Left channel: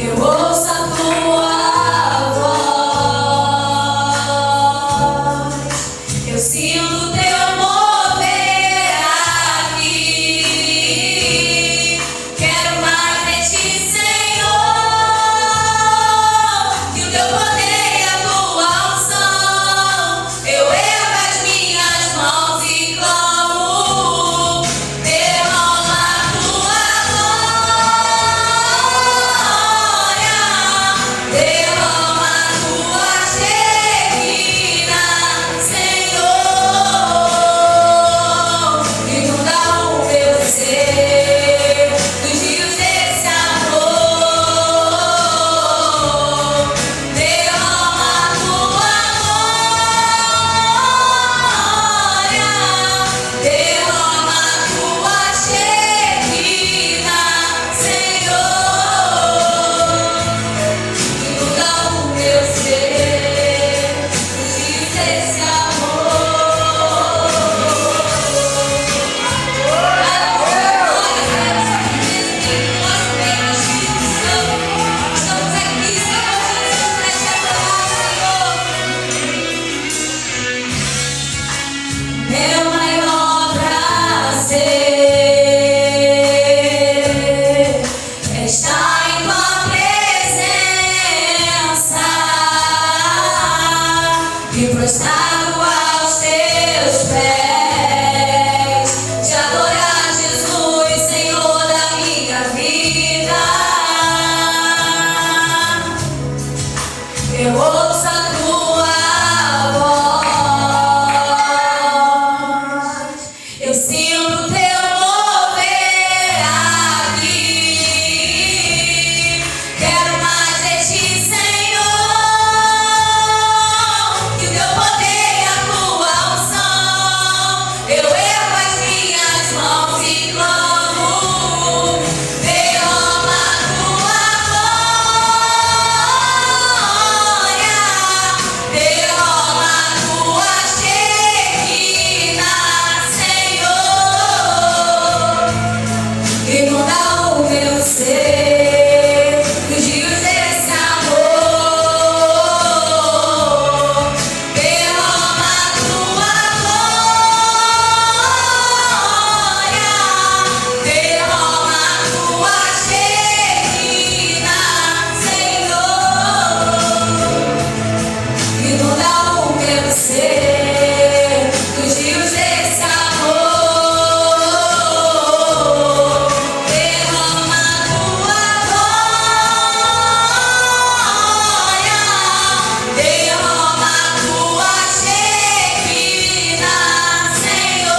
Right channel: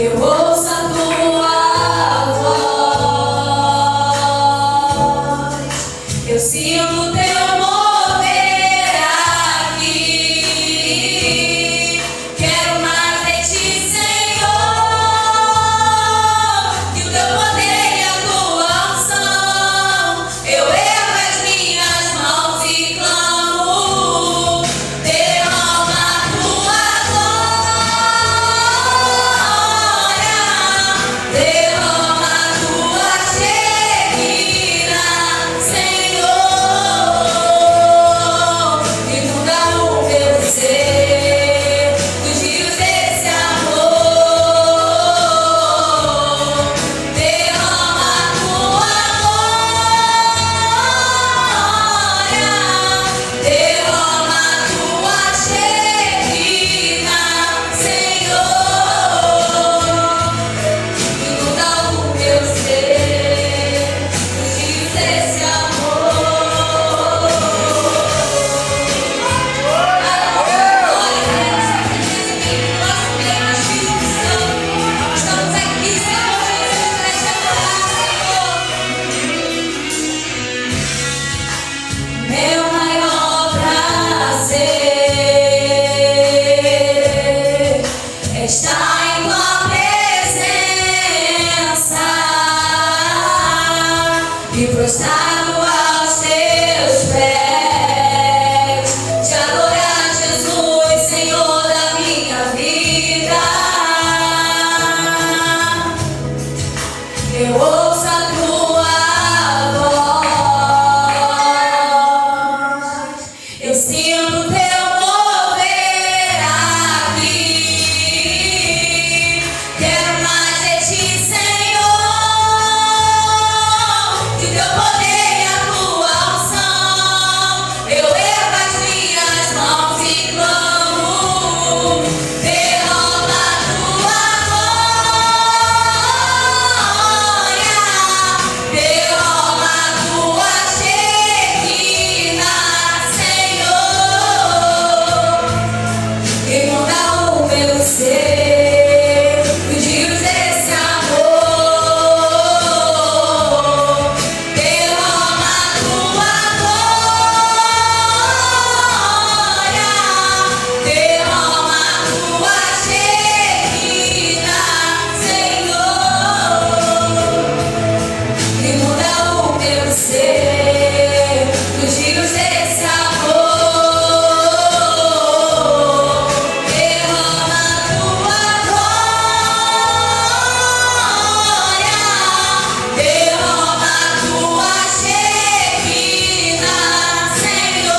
Eu ouço a tua voz, eu sinto o teu mover aqui. Quero mais de ti, Senhor, que o teu poder e a tua unção. Eu ergo as minhas mãos e clamo, derrama a tua glória, derrama a tua Shekinah, Senhor, inunda o meu ser dos rios desse amor, derrama a tua glória, derrama a tua Shekinah, Senhor, inunda o meu ser dos rios desse amor. Estamos aqui, Senhor Jesus, para te adorar, Senhor. Meu maior prazer é estar em tua presença e prostrado aos teus pés, te adorar, Jesus, Senhor da minha vida. Eu ouço a tua voz, eu sinto o teu mover aqui. Quero mais de ti, Senhor, que o teu poder e a tua unção. Eu ergo as minhas mãos e clamo, derrama a tua glória, derrama a tua Shekinah, Senhor, inunda o meu ser dos rios desse amor, derrama a tua glória, derrama a tua Shekinah, Senhor, inunda o meu ser dos rios desse amor, derrama a tua glória, derrama a tua Shekinah, Senhor,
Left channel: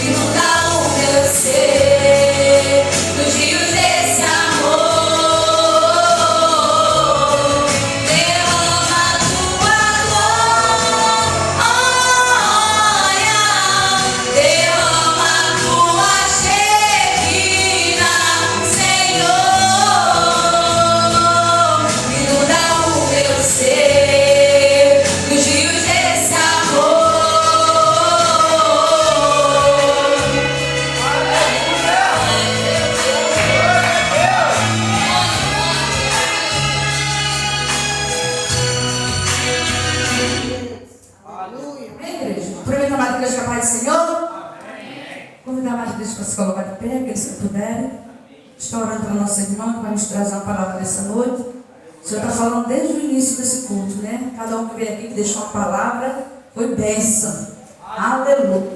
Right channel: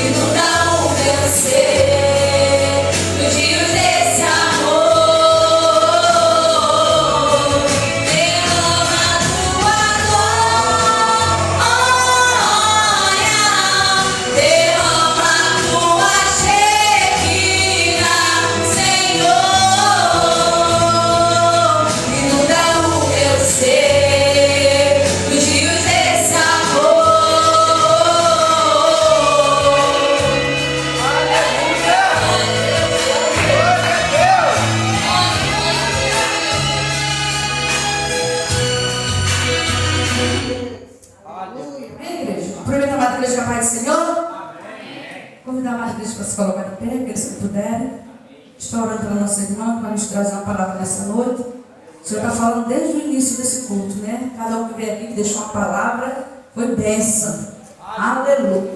inunda o meu ser dos rios desse amor, derrama a tua glória, derrama a tua Shekinah, Senhor, inunda o meu ser dos rios desse amor. Amém, igreja? Aproveita a Madre Igreja, a paz do Senhor. Convidar a Madre Igreja para se colocar de pé, que se puderem. Estou orando pela nossa irmã, para nos trazer uma palavra nessa noite. O Senhor está falando desde o início desse culto, né? Cada um que veio aqui, que deixou uma palavra, foi bênção. Aleluia.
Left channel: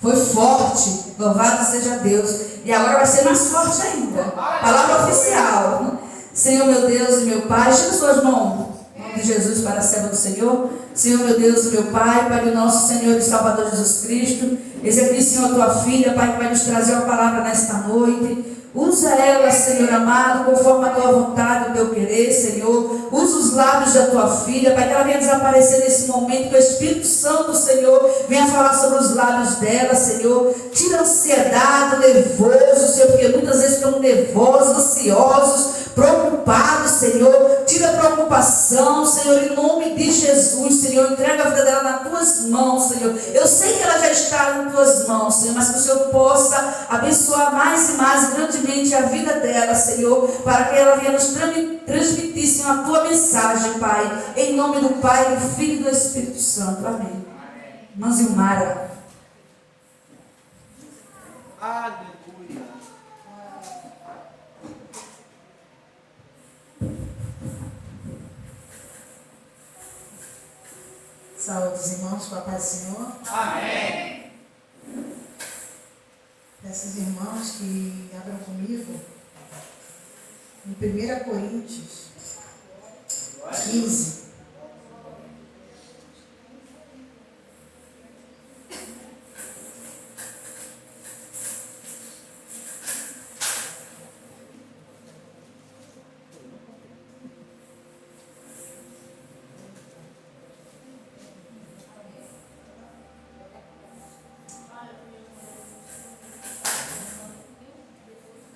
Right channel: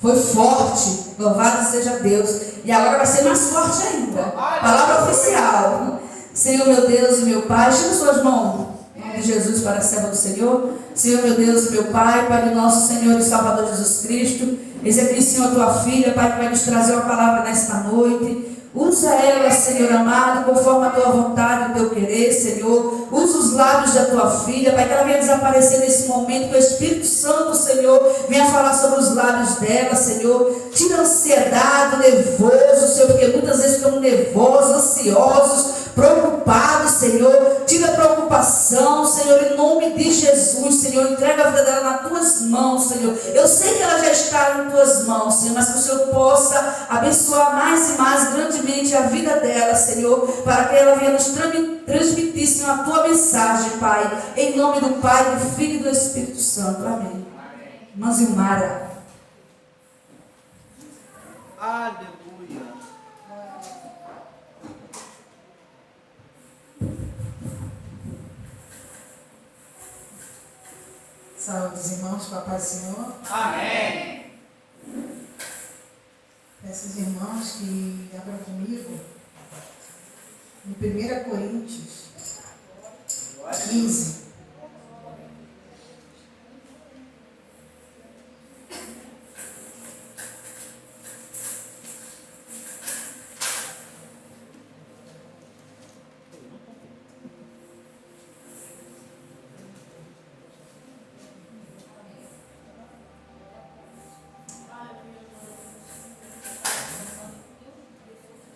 Foi forte. Louvado seja Deus. E agora vai ser mais forte ainda. Palavra oficial. Senhor, meu Deus e meu Pai, estenda suas mãos. Em nome de Jesus, para a serva do Senhor. Senhor, meu Deus e meu Pai, Pai do nosso Senhor e Salvador Jesus Cristo. Eis aqui, Senhor, a tua filha, Pai, que vai nos trazer uma palavra nesta noite. Usa ela, Senhor amado, conforme a tua vontade, o teu querer, Senhor. Usa os lábios da tua filha, Pai, que ela venha desaparecer nesse momento, que o Espírito Santo, Senhor, venha falar sobre os lábios dela, Senhor. Tira a ansiedade, o nervoso, Senhor, porque muitas vezes ficamos nervosos, ansiosos, preocupados, Senhor. Tira a preocupação, Senhor, em nome de Jesus, Senhor. Entrega a vida dela nas tuas mãos, Senhor. Eu sei que ela já está nas tuas mãos, Senhor, mas que o Senhor possa abençoar mais e mais grandemente a vida dela, Senhor, para que ela venha nos transmitir, Senhor, a tua mensagem, Pai, em nome do Pai, do Filho e do Espírito Santo. Amém. Irmã Zilmara. Aleluia. Saúde dos irmãos, com a paz do Senhor. Amém. Peço aos irmãos que abram comigo em 1 Coríntios 15.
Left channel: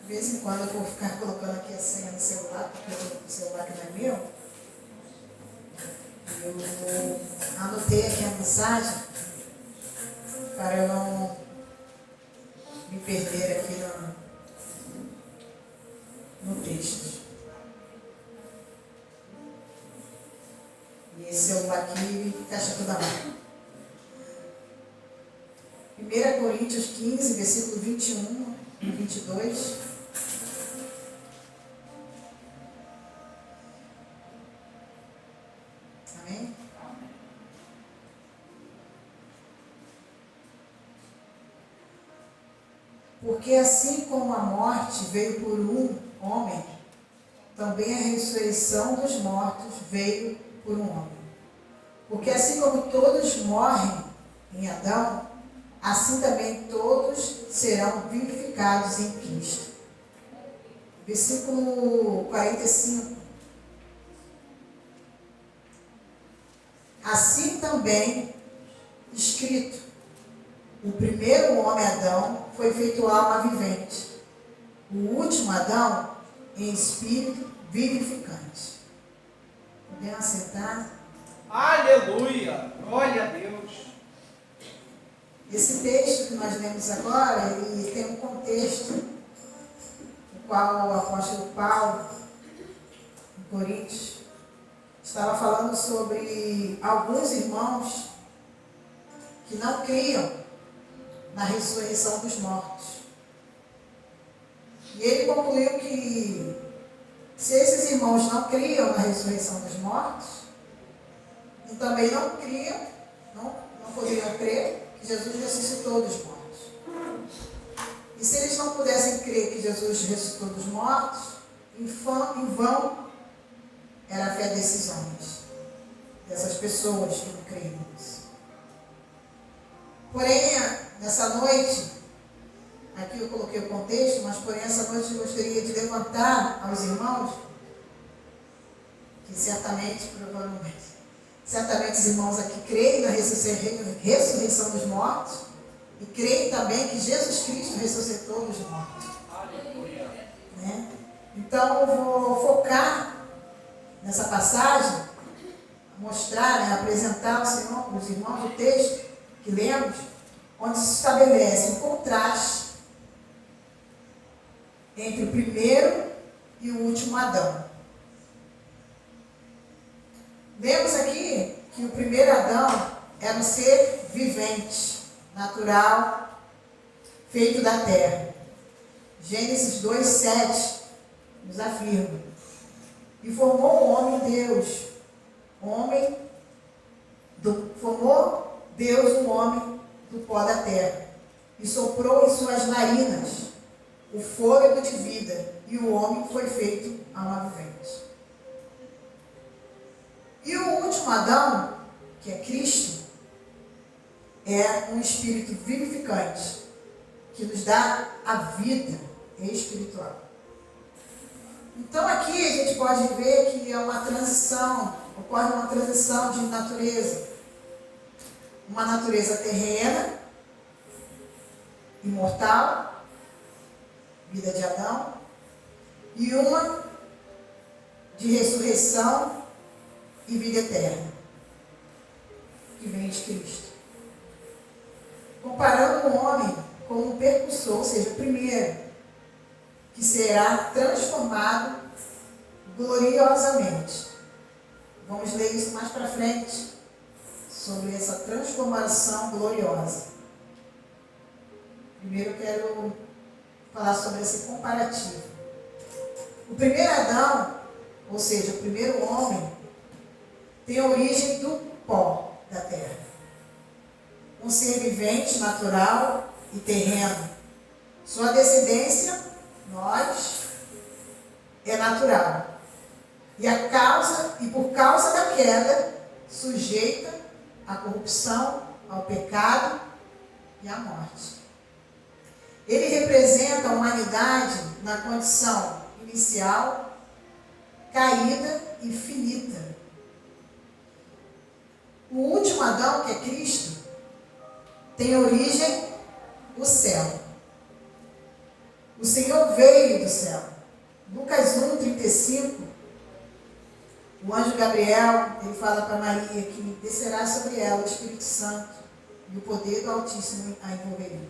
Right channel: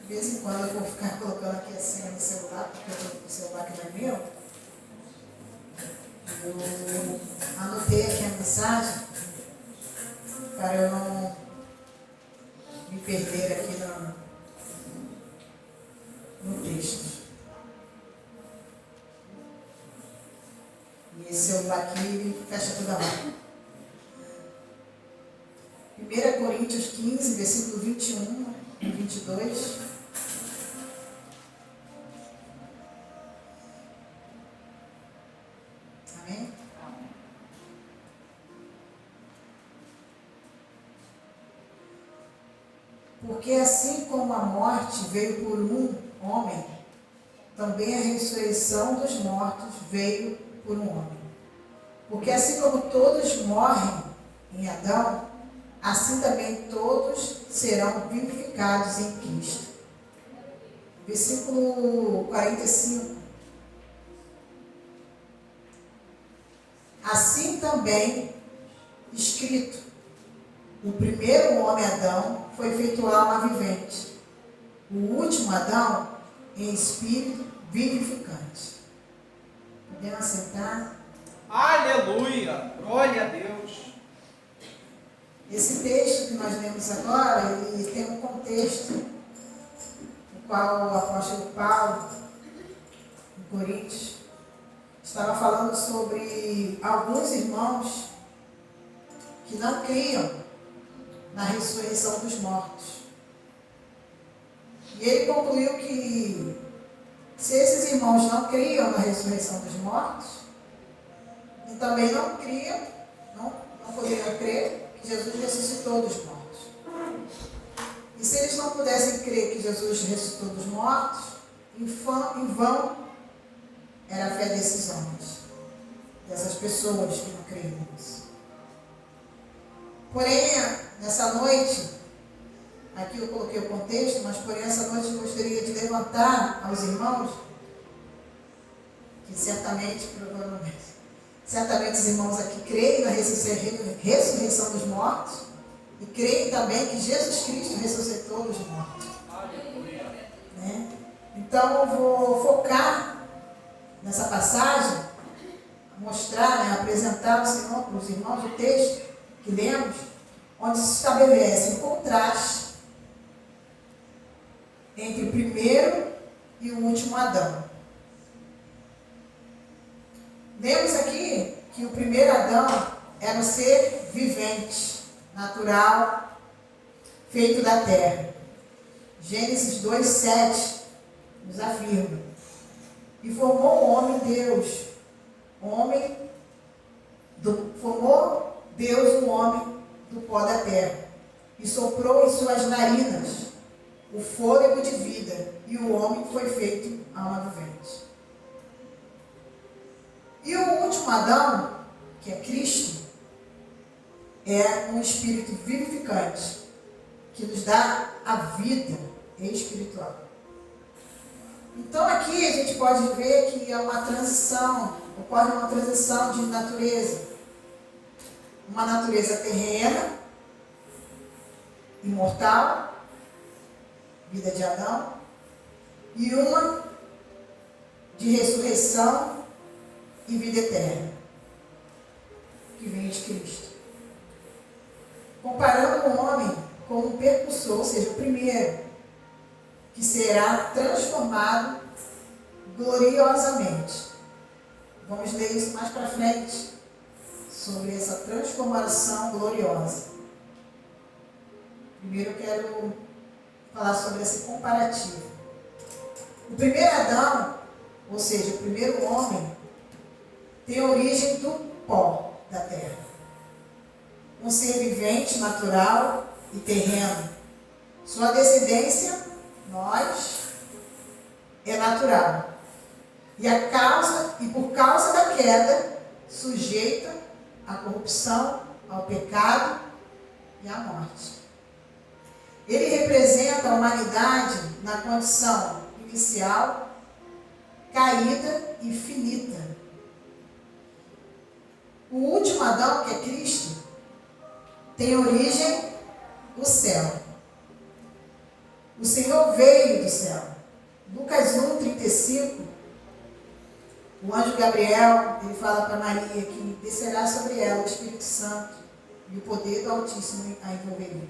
De vez em quando eu vou ficar colocando aqui a senha no celular, porque o celular que não é meu. Eu anotei aqui a mensagem para eu não me perder aqui no texto. E esse celular aqui fecha toda hora. 1 Coríntios 15, versículo 21 e 22. Amém? Porque assim como a morte veio por um homem, também a ressurreição dos mortos veio por um homem. Porque assim como todos morrem em Adão, assim também todos serão vivificados em Cristo. Versículo 45. Assim também escrito: o primeiro homem Adão foi feito alma vivente, o último Adão em espírito vivificante. Podemos assentar? Aleluia. Glória a Deus. Esse texto que nós lemos agora, ele tem um contexto, no qual o apóstolo Paulo, em Coríntios, estava falando sobre alguns irmãos que não criam na ressurreição dos mortos. E ele concluiu que se esses irmãos não criam na ressurreição dos mortos, e também não criam, não poderiam crer que Jesus ressuscitou dos mortos. E se eles não pudessem crer que Jesus ressuscitou dos mortos, em vão era a fé desses homens, dessas pessoas que não creem nisso. Porém, nessa noite, aqui eu coloquei o contexto, mas porém essa noite eu gostaria de levantar aos irmãos, que certamente os irmãos aqui creem na ressurreição dos mortos e creem também que Jesus Cristo ressuscitou dos mortos. Né? Então eu vou focar nessa passagem, mostrar, apresentar ao Senhor, para os irmãos, o texto que lemos, onde se estabelece um contraste entre o primeiro e o último Adão. Lemos aqui que o primeiro Adão era um ser vivente, natural, feito da terra. Gênesis 2:7 nos afirma: e formou o homem Deus, formou Deus o homem do pó da terra, e soprou em suas narinas o fôlego de vida, e o homem foi feito alma vivente. E o último Adão, que é Cristo, é um espírito vivificante, que nos dá a vida espiritual. Então aqui a gente pode ver que é uma transição, ocorre uma transição de natureza. Uma natureza terrena, imortal, vida de Adão, e uma de ressurreição e vida eterna, que vem de Cristo. Comparando o homem com um precursor, ou seja, o primeiro, que será transformado gloriosamente. Vamos ler isso mais para frente, sobre essa transformação gloriosa. Primeiro eu quero falar sobre esse comparativo. O primeiro Adão, ou seja, o primeiro homem, tem origem do pó da terra. Um ser vivente, natural e terreno. Sua descendência, nós, é natural. E por causa da queda, sujeita à corrupção, ao pecado e à morte. Ele representa a humanidade na condição inicial, caída e finita. O último Adão, que é Cristo, tem origem do céu. O Senhor veio do céu. Lucas 1:35, o anjo Gabriel, ele fala para Maria que descerá sobre ela o Espírito Santo e o poder do Altíssimo a envolveria,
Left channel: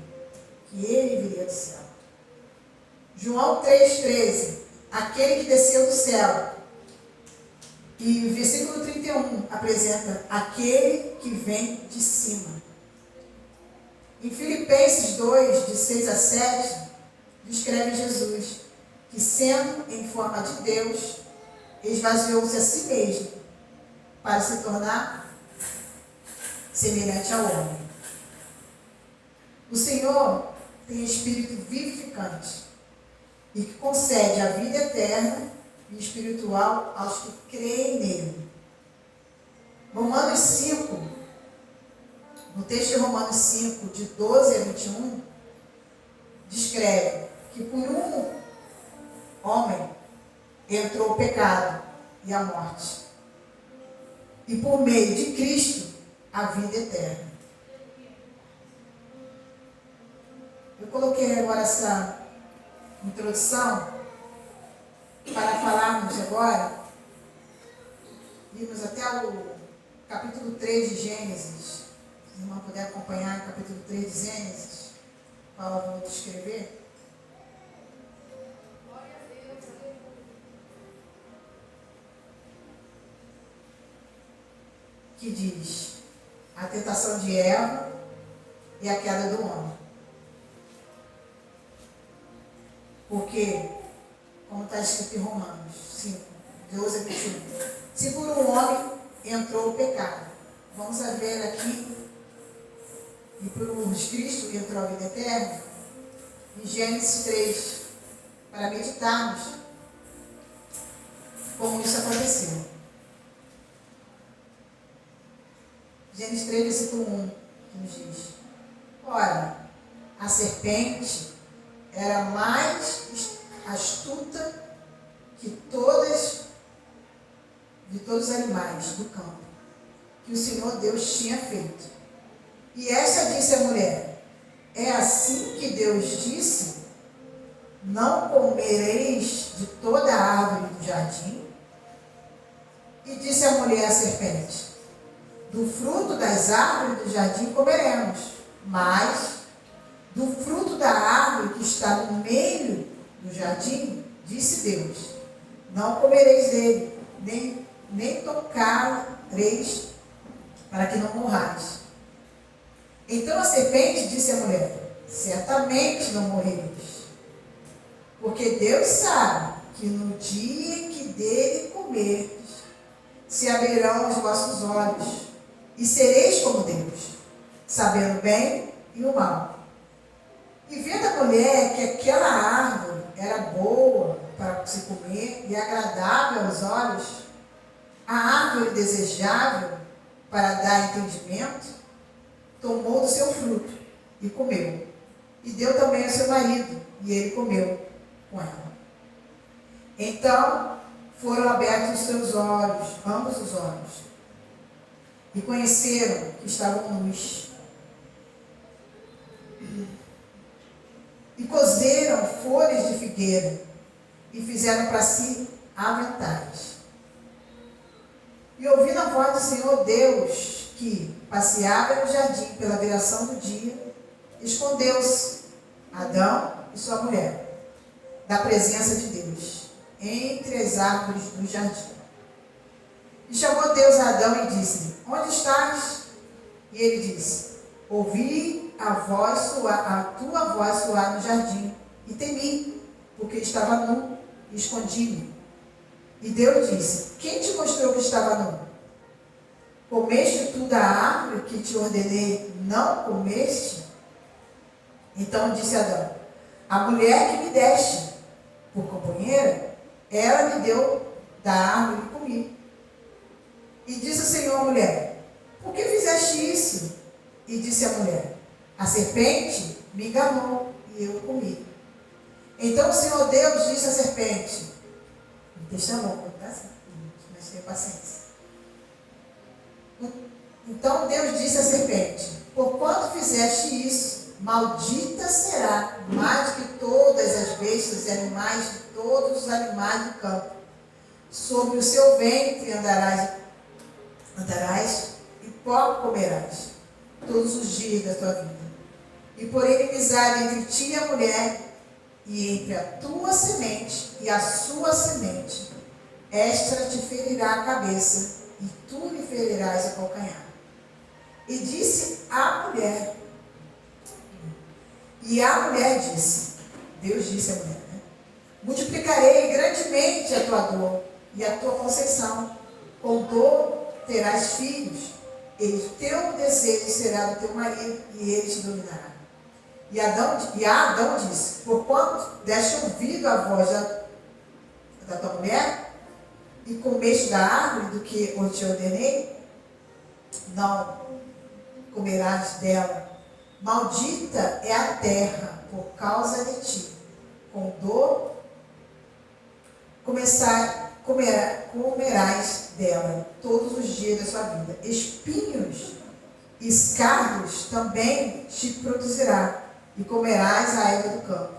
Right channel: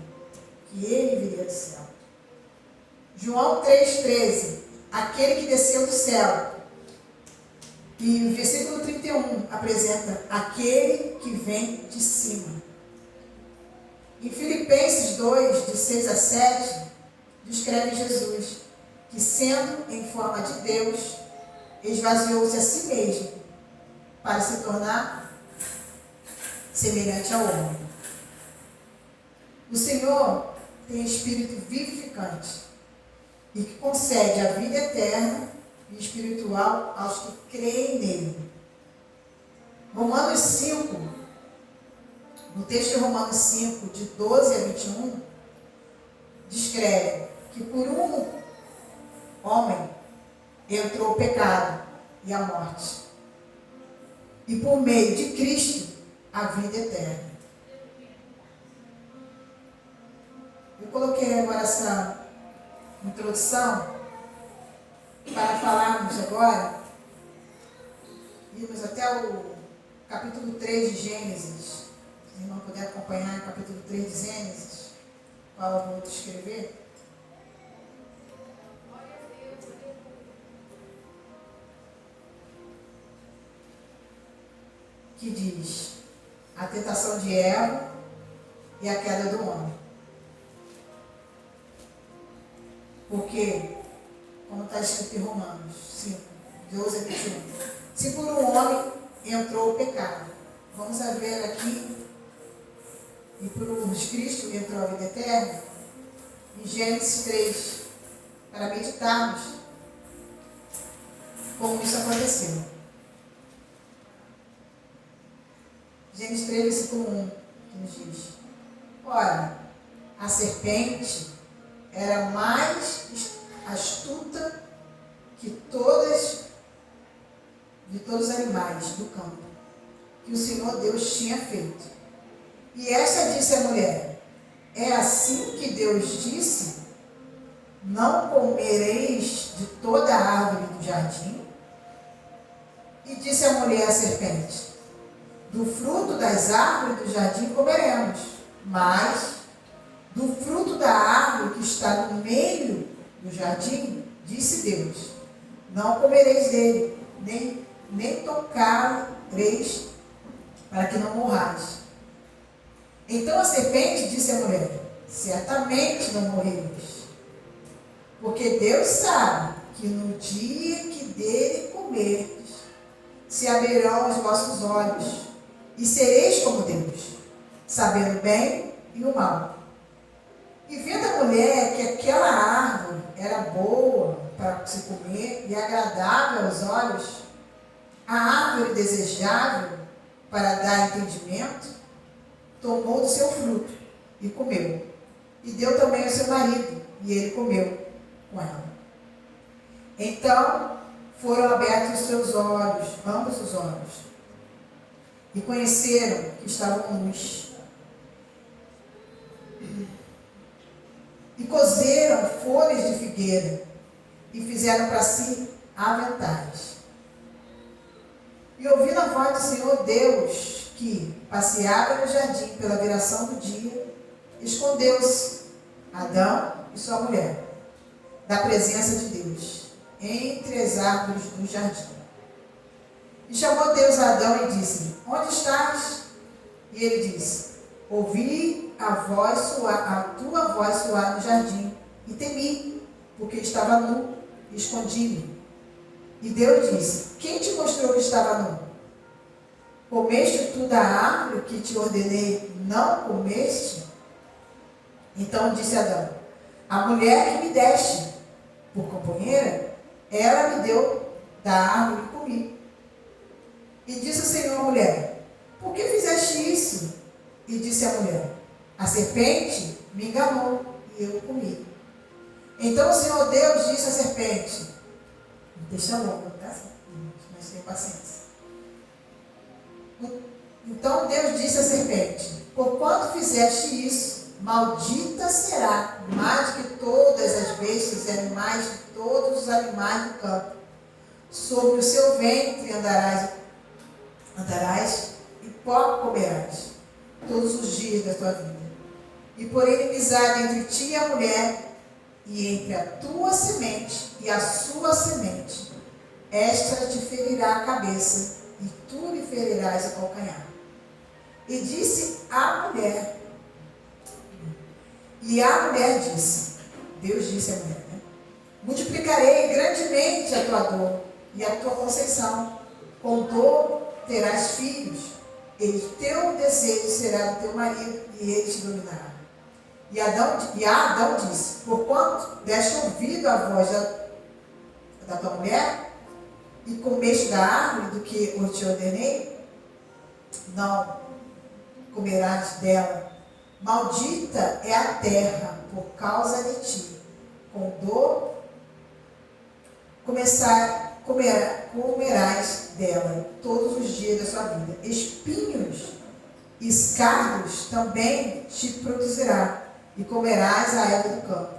que ele viria do céu. João 3,13, aquele que desceu do céu. E o versículo 31 apresenta aquele que vem de cima. Em Filipenses 2, de 6 a 7, descreve Jesus, que sendo em forma de Deus, esvaziou-se a si mesmo, para se tornar semelhante ao homem. O Senhor tem espírito vivificante e que concede a vida eterna e espiritual aos que creem nele. Romanos 5, no texto de Romanos 5, de 12 a 21, descreve que por um homem entrou o pecado e a morte, e por meio de Cristo a vida eterna. Eu coloquei agora essa introdução para falarmos agora, irmos até o capítulo 3 de Gênesis. Se o irmão puder acompanhar o capítulo 3 de Gênesis, qual eu vou descrever. Que diz a tentação de Eva e a queda do homem. Porque, como está escrito em Romanos 5, 12 a 21, se por um homem entrou o pecado, vamos ver aqui, e por Cristo entrou a vida eterna, em Gênesis 3, para meditarmos como isso aconteceu. Gênesis 3, versículo 1, que nos diz: ora, a serpente era mais astuta que todos os animais do campo que o Senhor Deus tinha feito. E esta disse à mulher: é assim que Deus disse: não comereis de toda a árvore do jardim? E disse a mulher à serpente: do fruto das árvores do jardim comeremos, mas do fruto da árvore que está no meio do jardim, disse Deus: não comereis dele, nem tocareis, para que não morrais. Então a serpente disse à mulher: certamente não morrereis, porque Deus sabe que no dia que dele comerdes, se abrirão os vossos olhos, e sereis como Deus, sabendo o bem e o mal. E vendo a mulher que aquela árvore era boa para se comer e agradável aos olhos, a árvore desejável para dar entendimento, tomou do seu fruto e comeu. E deu também ao seu marido, e ele comeu com ela. Então foram abertos os seus olhos, ambos os olhos, e conheceram que estavam nus. E cozeram folhas de figueira e fizeram para si aventais. E ouvindo a voz do Senhor Deus, que passeava no jardim pela viração do dia, escondeu-se Adão e sua mulher da presença de Deus, entre as árvores do jardim. E chamou Deus a Adão e disse-lhe: onde estás? E ele disse: ouvi a tua voz soar no jardim, e temi, porque estava nu, e escondi-me. E Deus disse: quem te mostrou que estava nu? Comeste tu da árvore que te ordenei, não comeste? Então disse Adão: a mulher que me deste por companheira, ela me deu da árvore e comi. E disse o Senhor à mulher: por que fizeste isso? E disse a mulher: a serpente me enganou e eu comi. Então o Senhor Deus disse à serpente: deixa longo, tá? Mas tenha paciência. Então Deus disse à serpente: porquanto fizeste isso, maldita será mais do que todas as bestas e animais de todos os animais do campo. Sobre o seu ventre andarás e pó comerás todos os dias da tua vida. E por inimizade entre ti e a mulher, e entre a tua semente e a sua semente, esta te ferirá a cabeça, e tu lhe ferirás o calcanhar. E disse a mulher, disse, Deus disse à mulher, multiplicarei grandemente a tua dor e a tua conceição. Com dor terás filhos, e o teu desejo será do teu marido, e ele te dominará. E Adão disse: porquanto deste ouvido à voz da tua mulher, e comeste da árvore do que eu te ordenei, não comerás dela. Maldita é a terra por causa de ti. Com dor comerás dela todos os dias da sua vida. Espinhos e escardos também te produzirá, e comerás a erva do campo.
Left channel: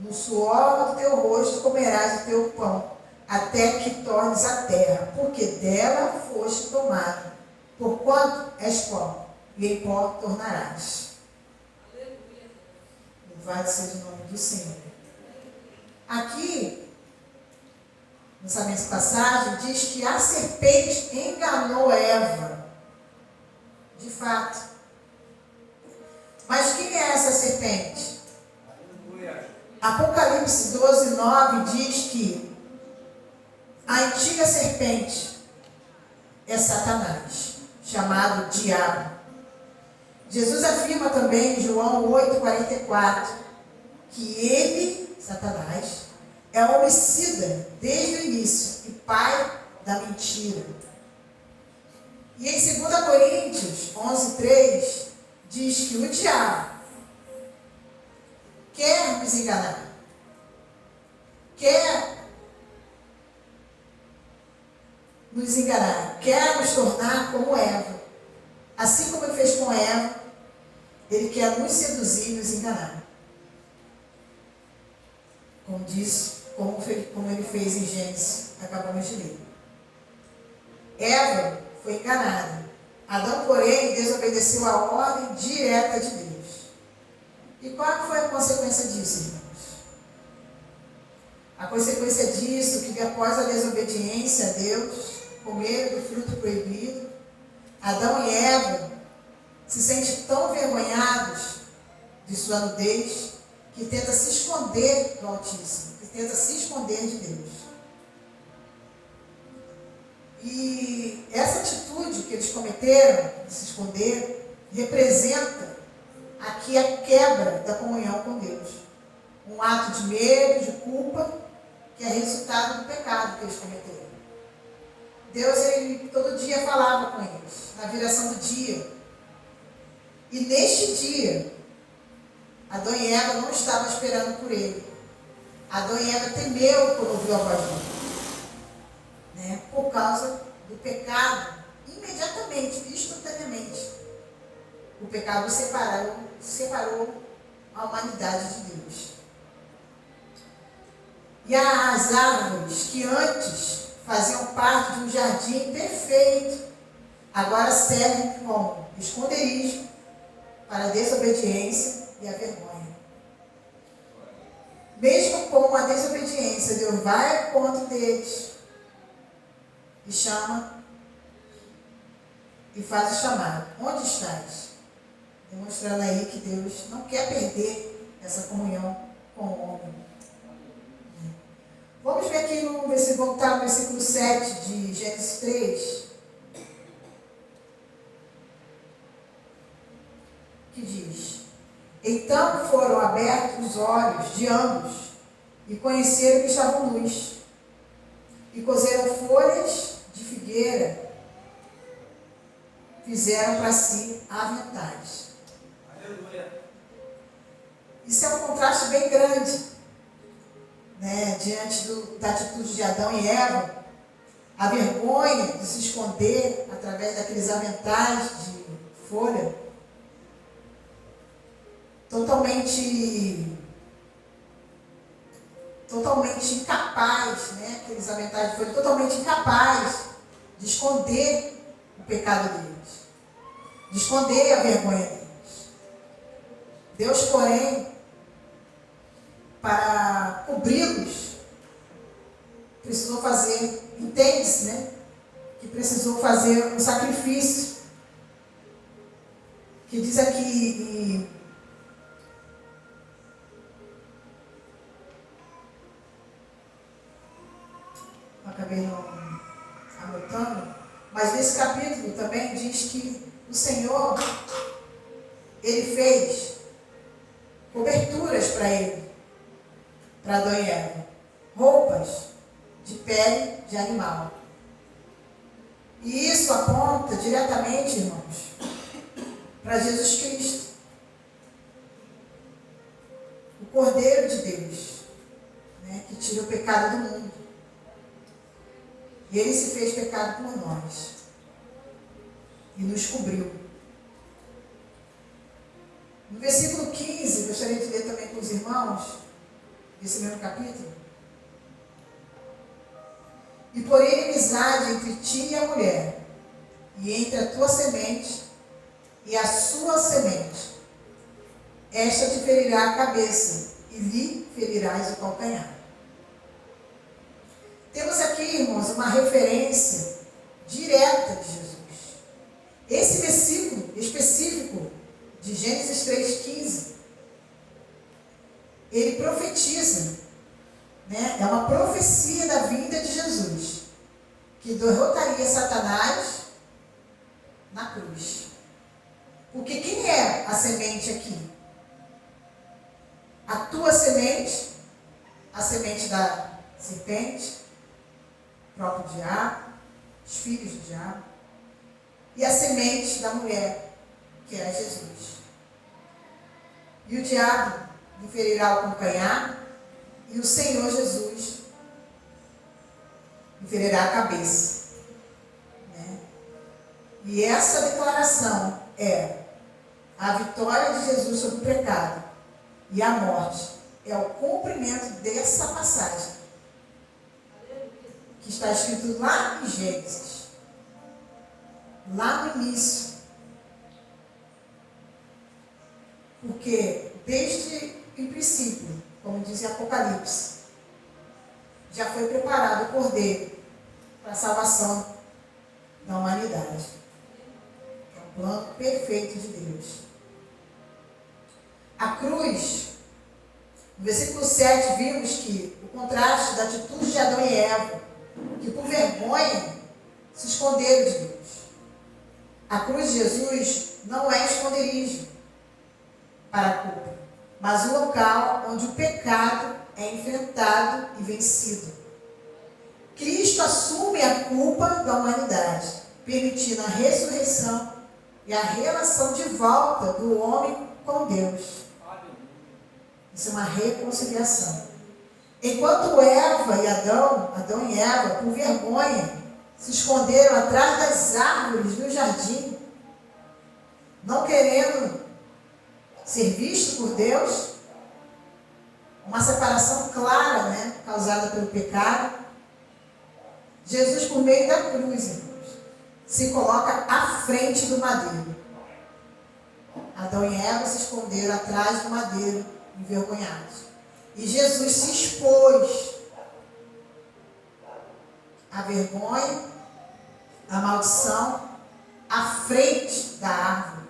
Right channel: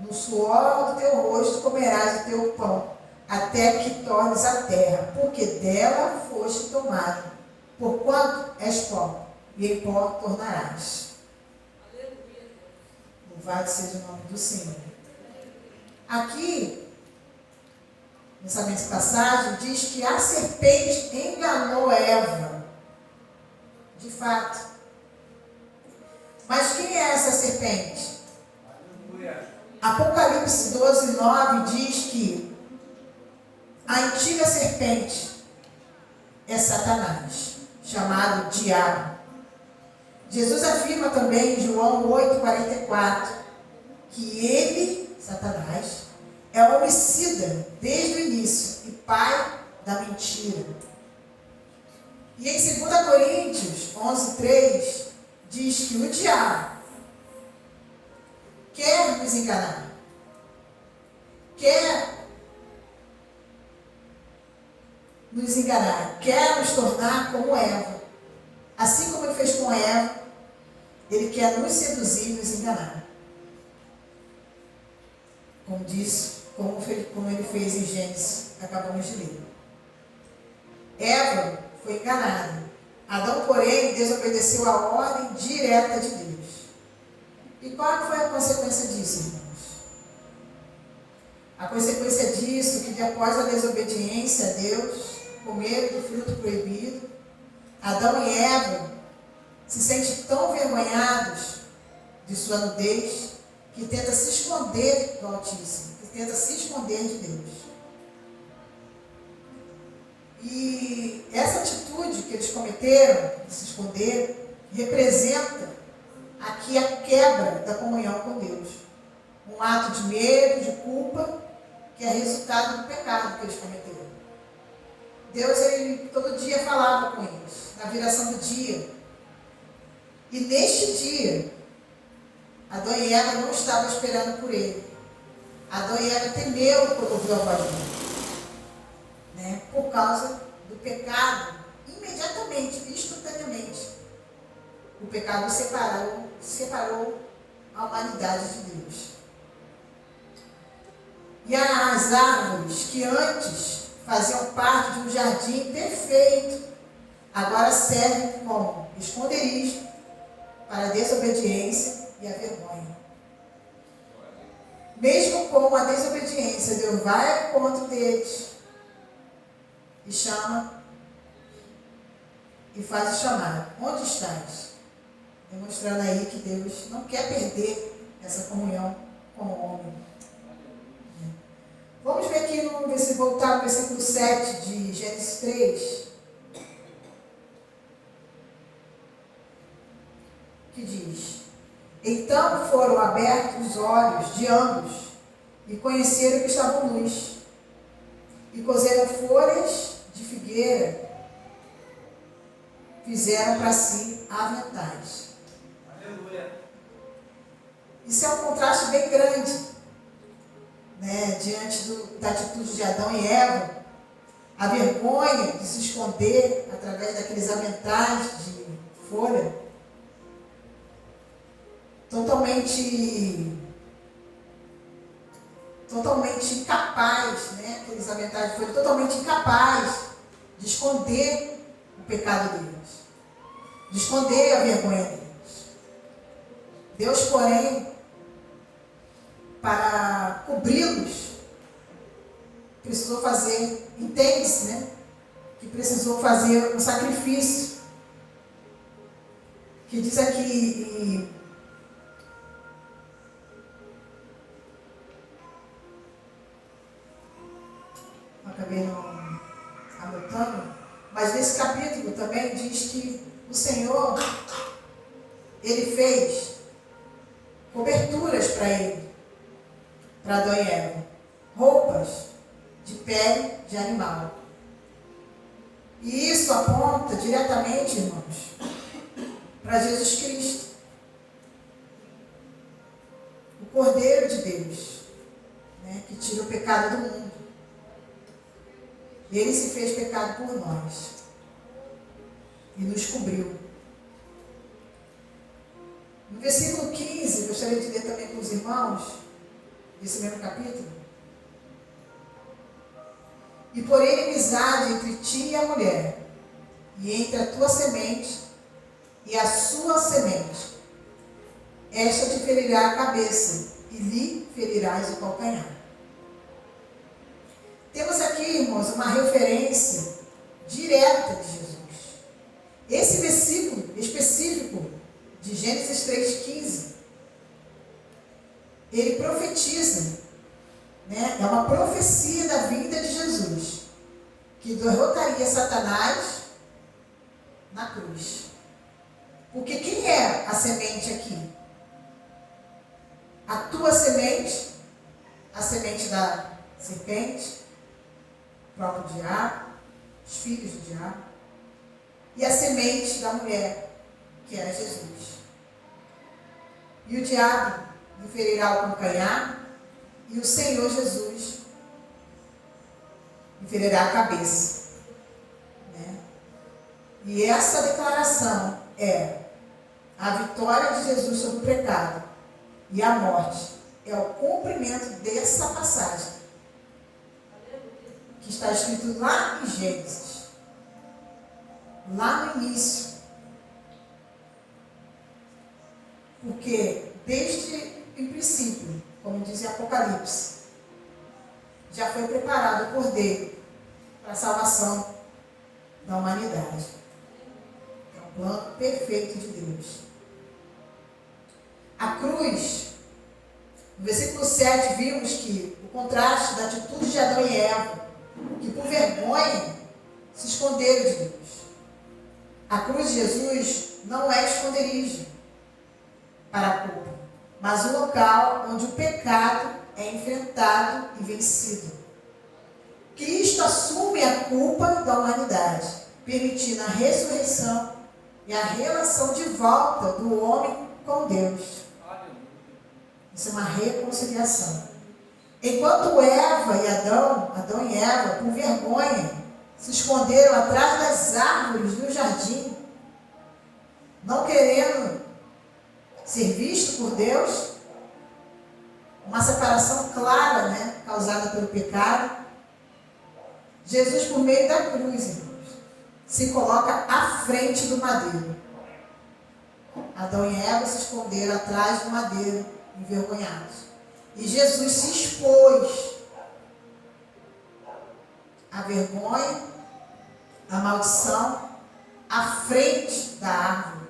No suor do teu rosto comerás o teu pão, até que tornes a terra, porque dela foste tomado. Porquanto és pó, e em pó tornarás. Louvado seja o nome do Senhor. Aqui, nessa mesma passagem, diz que a serpente enganou Eva. De fato. Mas quem é essa serpente? Apocalipse 12, 9 diz que a antiga serpente é Satanás, chamado Diabo. Jesus afirma também em João 8, 44, que ele, Satanás, é homicida desde o início e pai da mentira. E em 2 Coríntios 11, 3, diz que o diabo quer nos enganar, quer nos tornar como Eva. Assim como ele fez com Eva, ele quer nos seduzir e nos enganar. Como ele fez em Gênesis, que acabamos de ler. Eva foi enganada. Adão, porém, desobedeceu a ordem direta de Deus. E qual foi a consequência disso, irmãos? A consequência disso, que após a desobediência a Deus, comeram do fruto proibido, Adão e Eva se sentem tão envergonhados de sua nudez, que tenta se esconder do Altíssimo, que tenta se esconder de Deus. E essa atitude que eles cometeram, de se esconder, representa aqui a quebra da comunhão com Deus. Um ato de medo, de culpa, que é resultado do pecado que eles cometeram. Deus, ele todo dia falava com eles, na viração do dia. E neste dia, Adão e Eva não estavam esperando por ele. Adão e Eva temeu quando ouviu a voz dele. Por causa do pecado, imediatamente, instantaneamente, o pecado separou a humanidade de Deus. E as árvores que antes faziam parte de um jardim perfeito, agora servem como esconderijo para a desobediência e a vergonha. Mesmo com a desobediência, Deus vai ao encontro deles e chama e faz o chamado. Onde estás? Demonstrando aí que Deus não quer perder essa comunhão com o homem. Vamos ver aqui no versículo, voltar no versículo 7 de Gênesis 3. Que diz: Então foram abertos os olhos de ambos e conheceram que estavam nus. E cozeram folhas de figueira, fizeram para si aventais. Aleluia. Isso é um contraste bem grande, né, diante da atitude de Adão e Eva. A vergonha de se esconder através daqueles aventais de folha, totalmente incapaz, né? Aqueles aventais de folha, totalmente incapaz de esconder o pecado deles, de esconder a vergonha deles. Deus, porém, para cobri-los, precisou fazer, entende-se, né? Que precisou fazer um sacrifício, que diz aqui acabei não anotando, mas nesse capítulo também diz que o Senhor, Ele fez coberturas para ele, para Adão e Eva, roupas de pele de animal. E isso aponta diretamente, irmãos, para Jesus Cristo, o Cordeiro de Deus, né, que tira o pecado do mundo. E Ele se fez pecado por nós e nos cobriu. No versículo 15, gostaria de ler também com os irmãos, esse mesmo capítulo. E porém inimizade entre ti e a mulher, e entre a tua semente e a sua semente. Esta te ferirá a cabeça, e lhe ferirás o calcanhar. Temos aqui, irmãos, uma referência direta de Jesus. Esse versículo específico de Gênesis 3,15, ele profetiza, né? É uma profecia da vinda de Jesus, que derrotaria Satanás na cruz. Porque quem é a semente aqui? A tua semente, a semente da serpente, o próprio diabo, os filhos do diabo, e a semente da mulher, que era Jesus. E o diabo lhe ferirá o calcanhar, e o Senhor Jesus lhe ferirá a cabeça. Né? E essa declaração é a vitória de Jesus sobre o pecado e a morte. É o cumprimento dessa passagem, que está escrito lá em Gênesis, lá no início. Porque desde o princípio, como diz em Apocalipse, já foi preparado o Cordeiro para a salvação da humanidade. É um plano perfeito de Deus. A cruz, no versículo 7, vimos que o contraste da atitude de Adão e Eva, que por vergonha se esconderam de Deus. A cruz de Jesus não é esconderijo para a culpa, mas o local onde o pecado é enfrentado e vencido. Cristo assume a culpa da humanidade, permitindo a ressurreição e a relação de volta do homem com Deus. Isso é uma reconciliação. Enquanto Eva e Adão e Eva, por vergonha, se esconderam atrás das árvores do jardim, não querendo ser visto por Deus, uma separação clara, né, causada pelo pecado. Jesus, por meio da cruz, irmãos, se coloca à frente do madeiro. Adão e Eva se esconderam atrás do madeiro, envergonhados. E Jesus se expôs à vergonha, à maldição, à frente da árvore,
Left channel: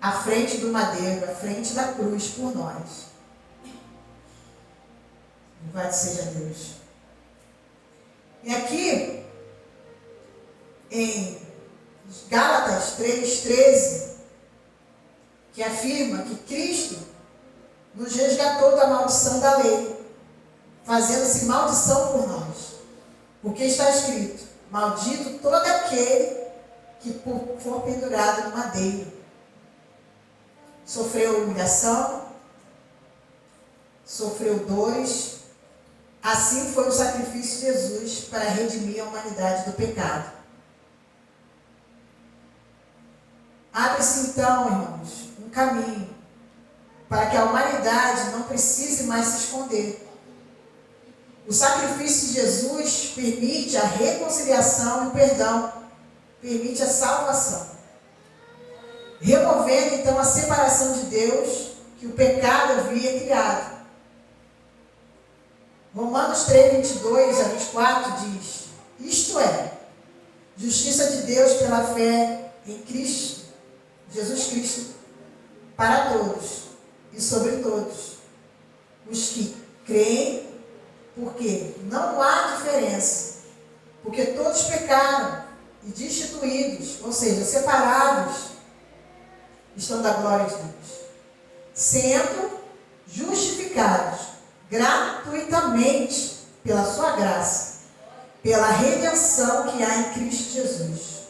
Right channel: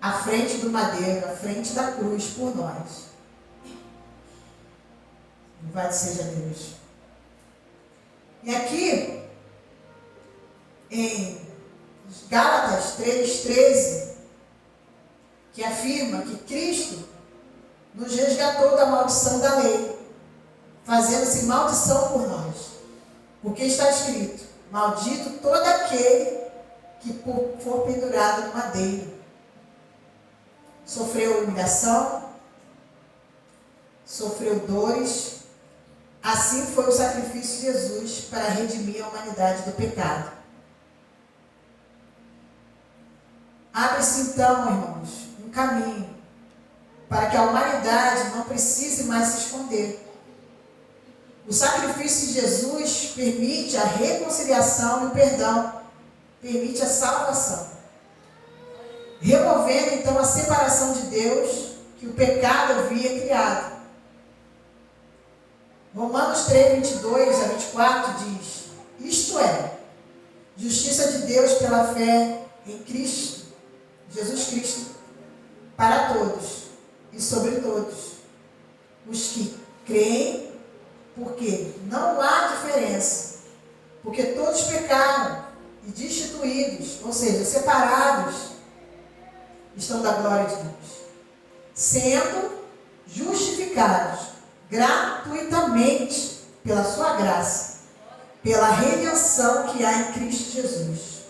à frente do madeiro, à frente da cruz por nós. Louvado seja Deus. E aqui, em Gálatas 3,13, que afirma que Cristo nos resgatou da maldição da lei, fazendo-se maldição por nós. Porque está escrito: maldito todo aquele que for pendurado no madeiro. Sofreu humilhação, sofreu dores. Assim foi o sacrifício de Jesus para redimir a humanidade do pecado. Abre-se então, irmãos, um caminho para que a humanidade não precise mais se esconder. O sacrifício de Jesus permite a reconciliação e o perdão, permite a salvação, removendo então a separação de Deus que o pecado havia criado. Romanos 3:22 a 24 diz: isto é, justiça de Deus pela fé em Cristo, Jesus Cristo, para todos e sobre todos os que creem, porque não há diferença, porque todos pecaram e destituídos, ou seja, separados, estão da glória de Deus, sendo justificados gratuitamente pela sua graça, pela redenção que há em Cristo Jesus.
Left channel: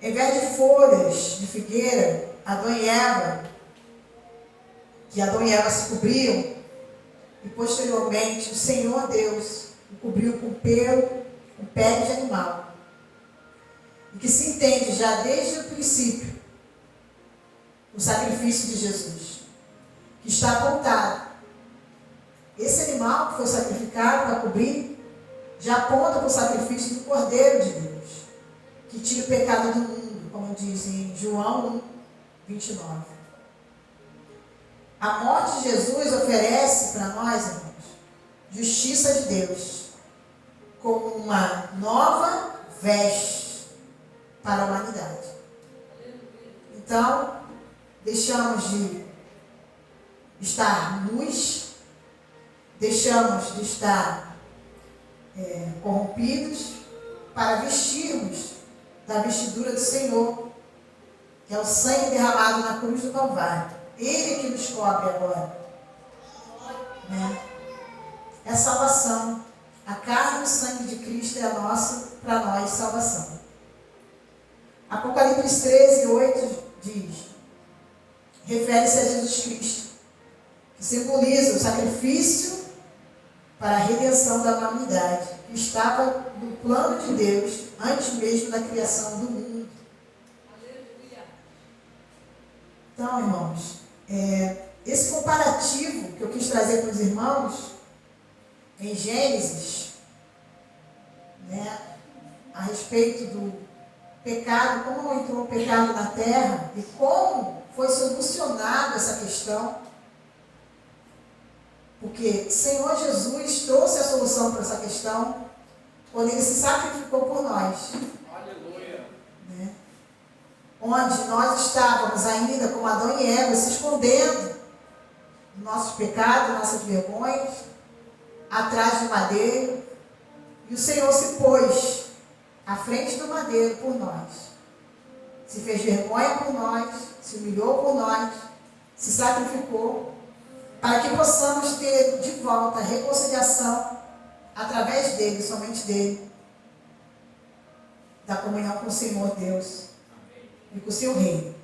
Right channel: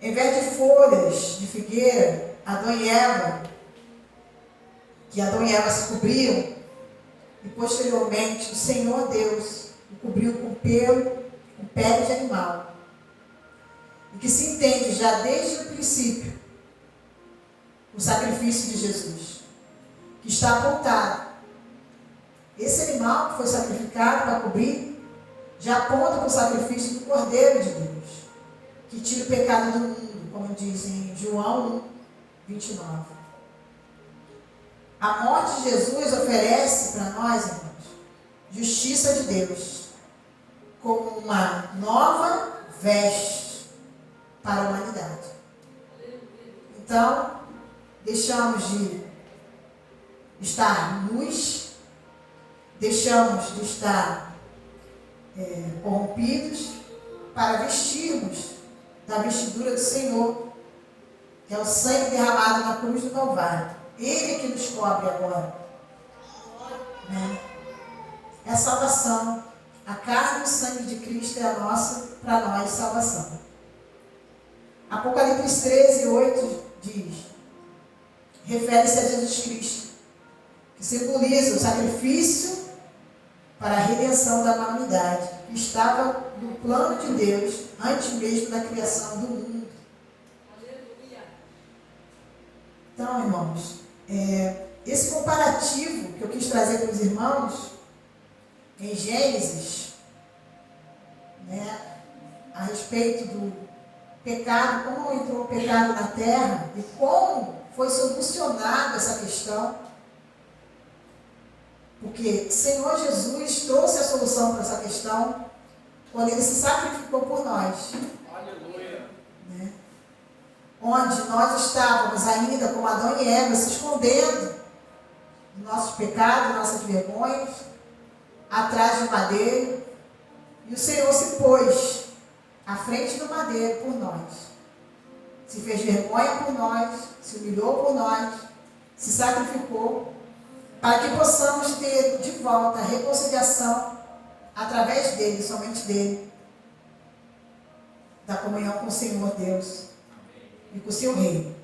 Em vez de folhas de figueira, Adão e Eva, que Adão e Eva se cobriam, e posteriormente o Senhor Deus o cobriu com pelo, com pele de animal. E que se entende já desde o princípio o sacrifício de Jesus, que está apontado. Esse animal que foi sacrificado para cobrir, já aponta para o sacrifício do Cordeiro de Deus, que tira o pecado do mundo, como diz em João 1:29. A morte de Jesus oferece para nós, irmãos, justiça de Deus, como uma nova veste para a humanidade. Então, deixamos de estar nus, deixamos de estar corrompidos, para vestirmos da vestidura do Senhor, que é o sangue derramado na cruz do Calvário. Ele é que nos cobre agora, né? É a salvação. A carne e o sangue de Cristo é a nossa, para nós, salvação. Apocalipse 13:8 diz, refere-se a Jesus Cristo, que simboliza o sacrifício para a redenção da humanidade, que estava no plano de Deus antes mesmo da criação do mundo. Então, irmãos, esse comparativo que eu quis trazer para os irmãos, em Gênesis, né, a respeito do pecado, como entrou o pecado na terra e como foi solucionada essa questão, porque o Senhor Jesus trouxe a solução para essa questão quando Ele se sacrificou por nós. Aleluia. Né? Onde nós estávamos ainda como Adão e Eva, se escondendo dos nossos pecados, nossas vergonhas, atrás do madeiro, e o Senhor se pôs à frente do madeiro por nós, se fez vergonha por nós, se humilhou por nós, se sacrificou, para que possamos ter de volta a reconciliação através dele, somente dele, da comunhão com o Senhor Deus e com o seu reino.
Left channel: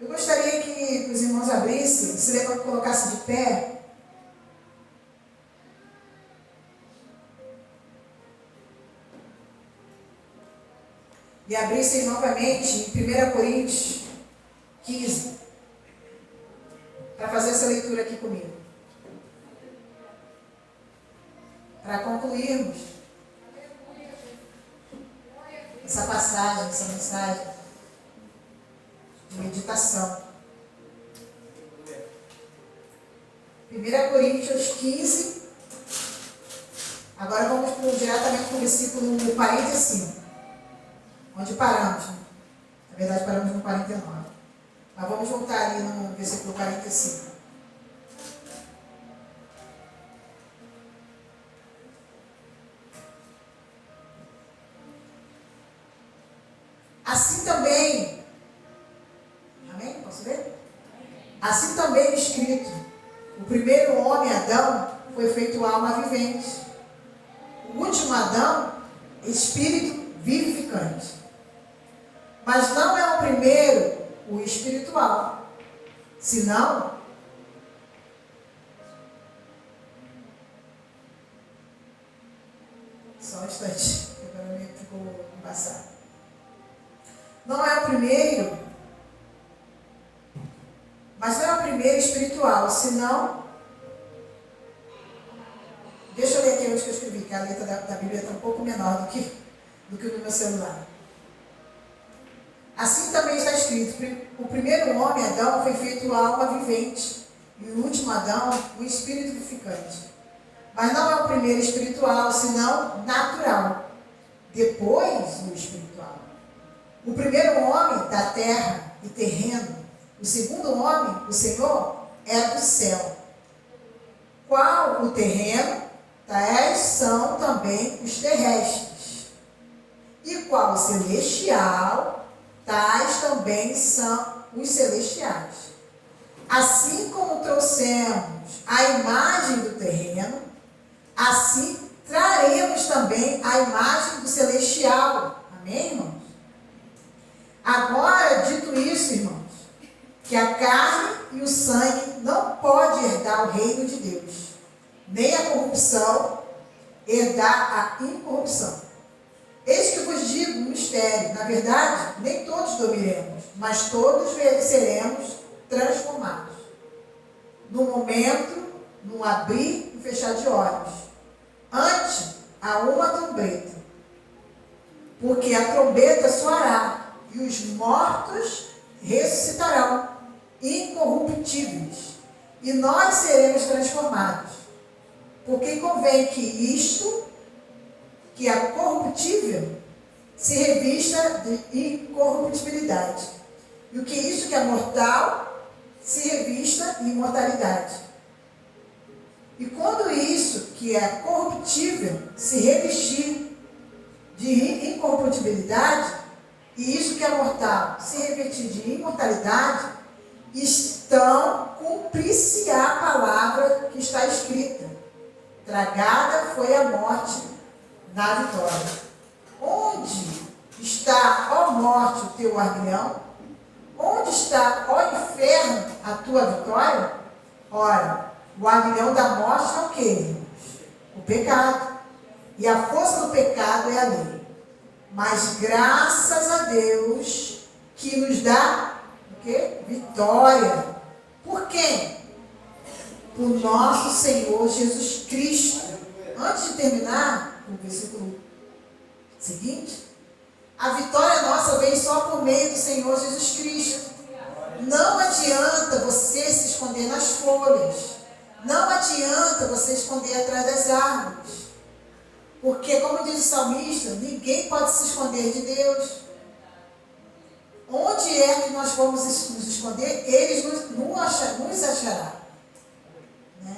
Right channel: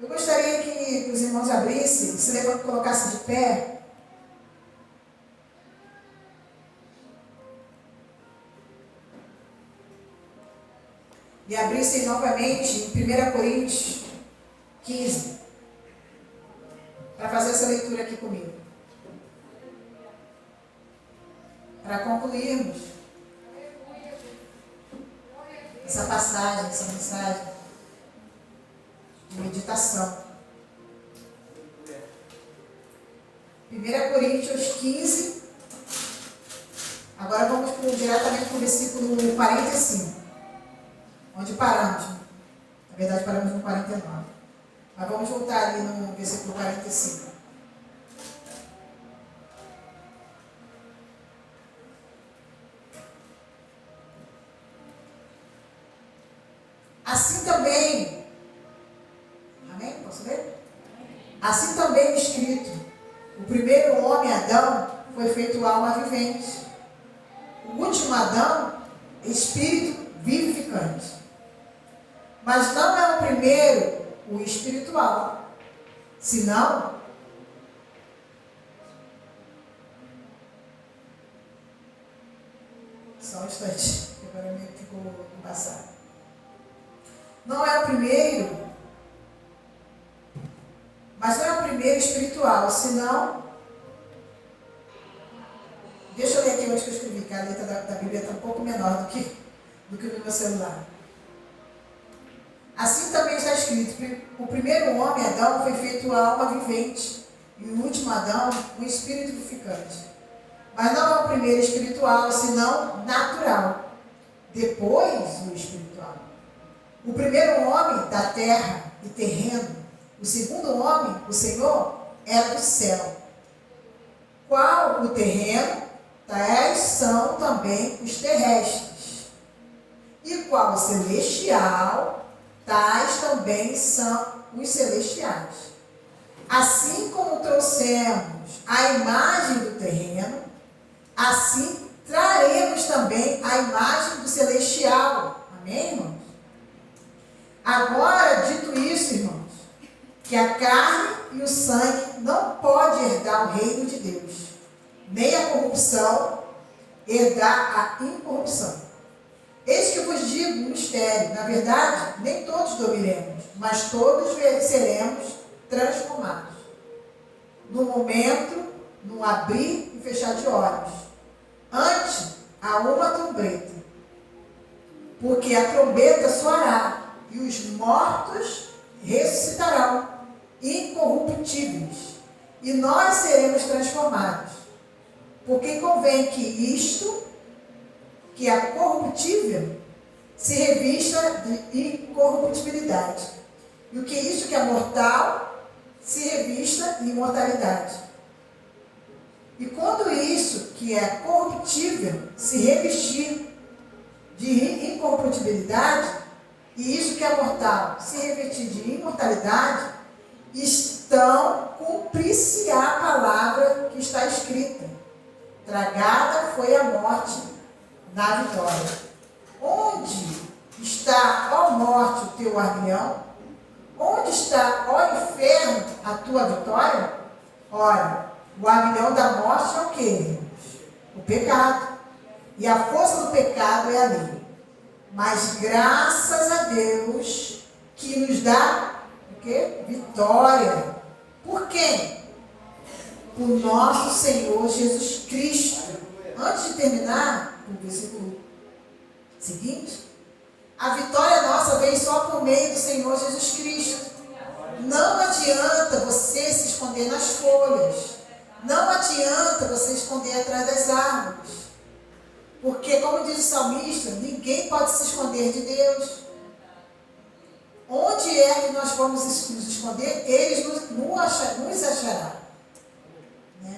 Eu gostaria que os irmãos abrissem, se colocassem de pé. E abrissem novamente em 1 Coríntios 15, para fazer essa leitura aqui comigo. Para concluirmos essa passagem, essa mensagem de meditação. 1 Coríntios 15. Agora vamos diretamente para o versículo 45. Onde paramos. Na verdade, paramos no 49. Mas vamos voltar ali no versículo 45. Assim também, amém? Posso ler? Assim também é escrito: o primeiro homem, Adão, foi feito alma vivente. O último Adão, espírito vivificante. Mas não é o primeiro o espiritual, senão só um instante, que agora me ficou embaçado. Não é o primeiro, mas não é o primeiro espiritual, senão. Deixa eu ler aqui onde que eu escrevi, que a letra da Bíblia está um pouco menor do que no meu celular. Assim também está escrito: o primeiro homem, Adão, foi feito alma vivente, e o último Adão, o espírito vivificante. Mas não é o primeiro espiritual, senão natural, depois o espiritual. O primeiro homem da terra e terreno, o segundo homem, o Senhor, é do céu. Qual o terreno, tais são também os terrestres. E qual o celestial, tais também são os celestiais. Assim como trouxemos a imagem do terreno, assim traremos também a imagem do celestial. Amém, irmãos? Agora, dito isso, irmãos, que a carne e o sangue não podem herdar o reino de Deus, nem a corrupção herdar a incorrupção. Eis que vos digo um mistério: na verdade, nem todos dormiremos, mas todos seremos transformados. No momento, no abrir e fechar de olhos, antes a uma trombeta, porque a trombeta soará, e os mortos ressuscitarão, incorruptíveis, e nós seremos transformados. Porque convém que isto, que é corruptível, se revista de incorruptibilidade, e o que isto que é mortal, se revista de imortalidade. E quando isso que é corruptível se revestir de incorruptibilidade, e isso que é mortal se revestir de imortalidade, então cumprir-se a palavra que está escrita: tragada foi a morte na vitória. Onde está, ó morte, o teu aguilhão? Onde está, ó inferno, a tua vitória? Ora, o aguilhão da morte é o quê, irmãos? O pecado. E a força do pecado é a lei. Mas graças a Deus que nos dá o quê? Vitória. Por quem? Por nosso Senhor Jesus Cristo. Antes de terminar o versículo seguinte, a vitória nossa vem só por meio do Senhor Jesus Cristo. Não adianta você se esconder nas folhas. Não adianta você esconder atrás das árvores. Porque, como diz o salmista, ninguém pode se esconder de Deus. Onde é que nós vamos nos esconder? Ele nos achará. Né?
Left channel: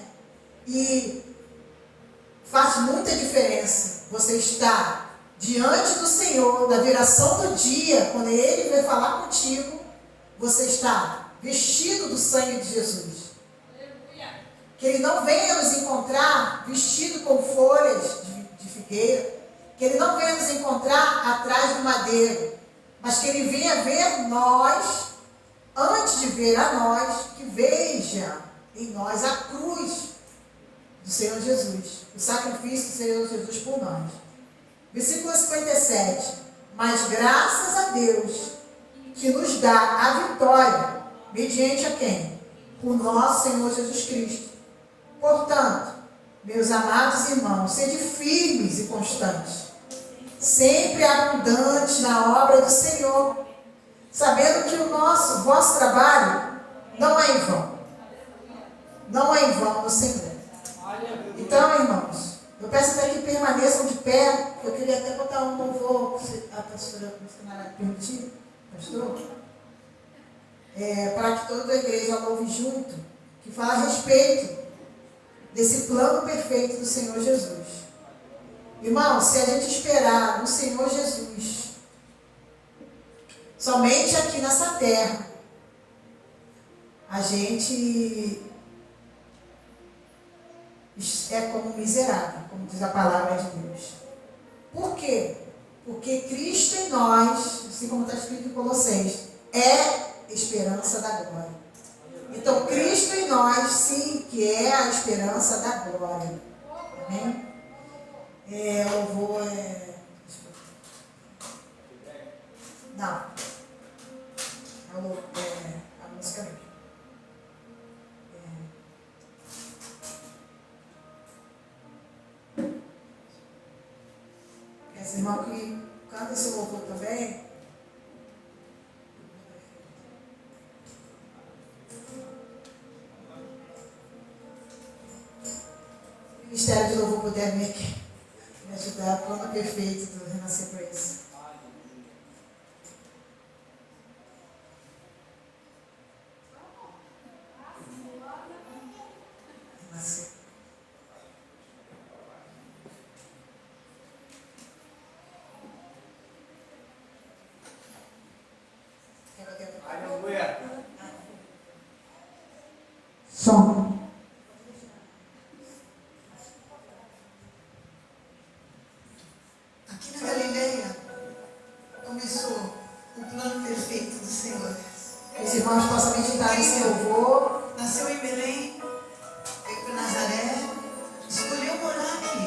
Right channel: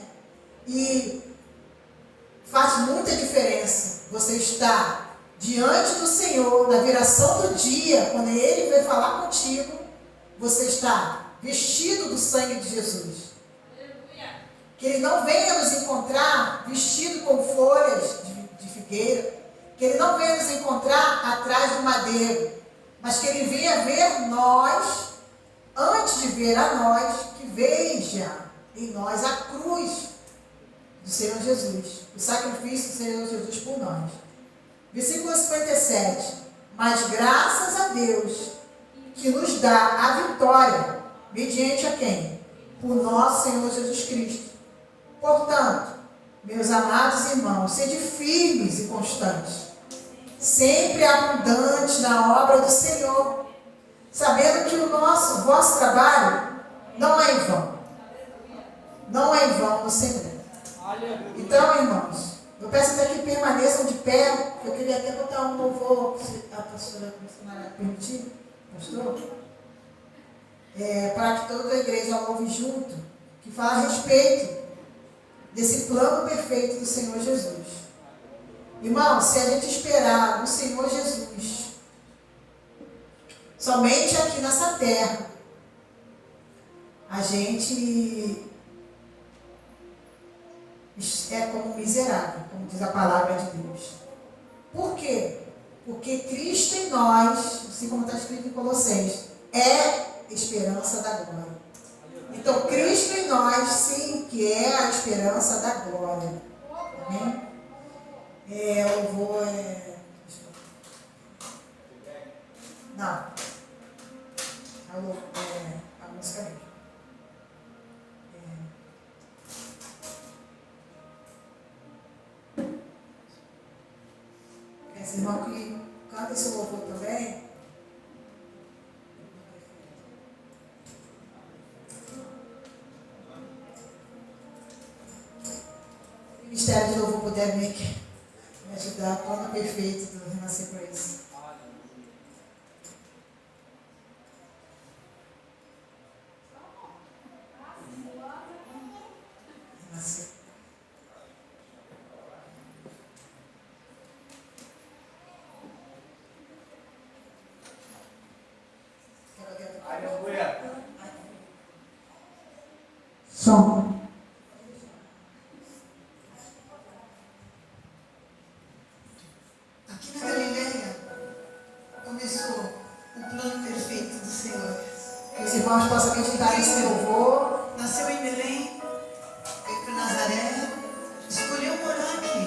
E faz muita diferença você estar diante do Senhor, na viração do dia, quando Ele vai falar contigo, você está vestido do sangue de Jesus. Que Ele não venha nos encontrar vestido com folhas de figueira, que Ele não venha nos encontrar atrás do madeiro, mas que Ele venha ver nós, antes de ver a nós, que veja em nós a cruz do Senhor Jesus, o sacrifício do Senhor Jesus por nós. Versículo 57. Mas graças a Deus que nos dá a vitória, mediante a quem? Por nosso Senhor Jesus Cristo. Portanto, meus amados irmãos, sede firmes e constantes, sempre abundantes na obra do Senhor, sabendo que o vosso trabalho não é em vão. não é em vão no Senhor. Aleluia. Então, irmãos, eu peço até que permaneçam de pé. Eu queria até botar um louvor, se a pastora missionária permitir, pastor, para que toda a igreja louve junto, que fala a respeito desse plano perfeito do Senhor Jesus. Irmãos, se a gente esperar no Senhor Jesus, somente aqui nessa terra, a gente é como miserável, como diz a palavra de Deus. Por quê? Porque Cristo em nós, assim como está escrito em Colossenses, é esperança da glória. Então, Cristo em nós, sim, que é a esperança da glória. Amém? Eu vou... Não. A música mesmo. Esse irmão que canta esse louvor também. O Ministério de Louvor puder me ajudar, o plano perfeito do Renascer Praise. Renascer. Aleluia. Som. Aqui na Galileia começou o plano perfeito do Senhor. Que os irmãos possam meditar nesse louvor. Nasceu em Belém, veio para Nazaré, escolheu morar aqui.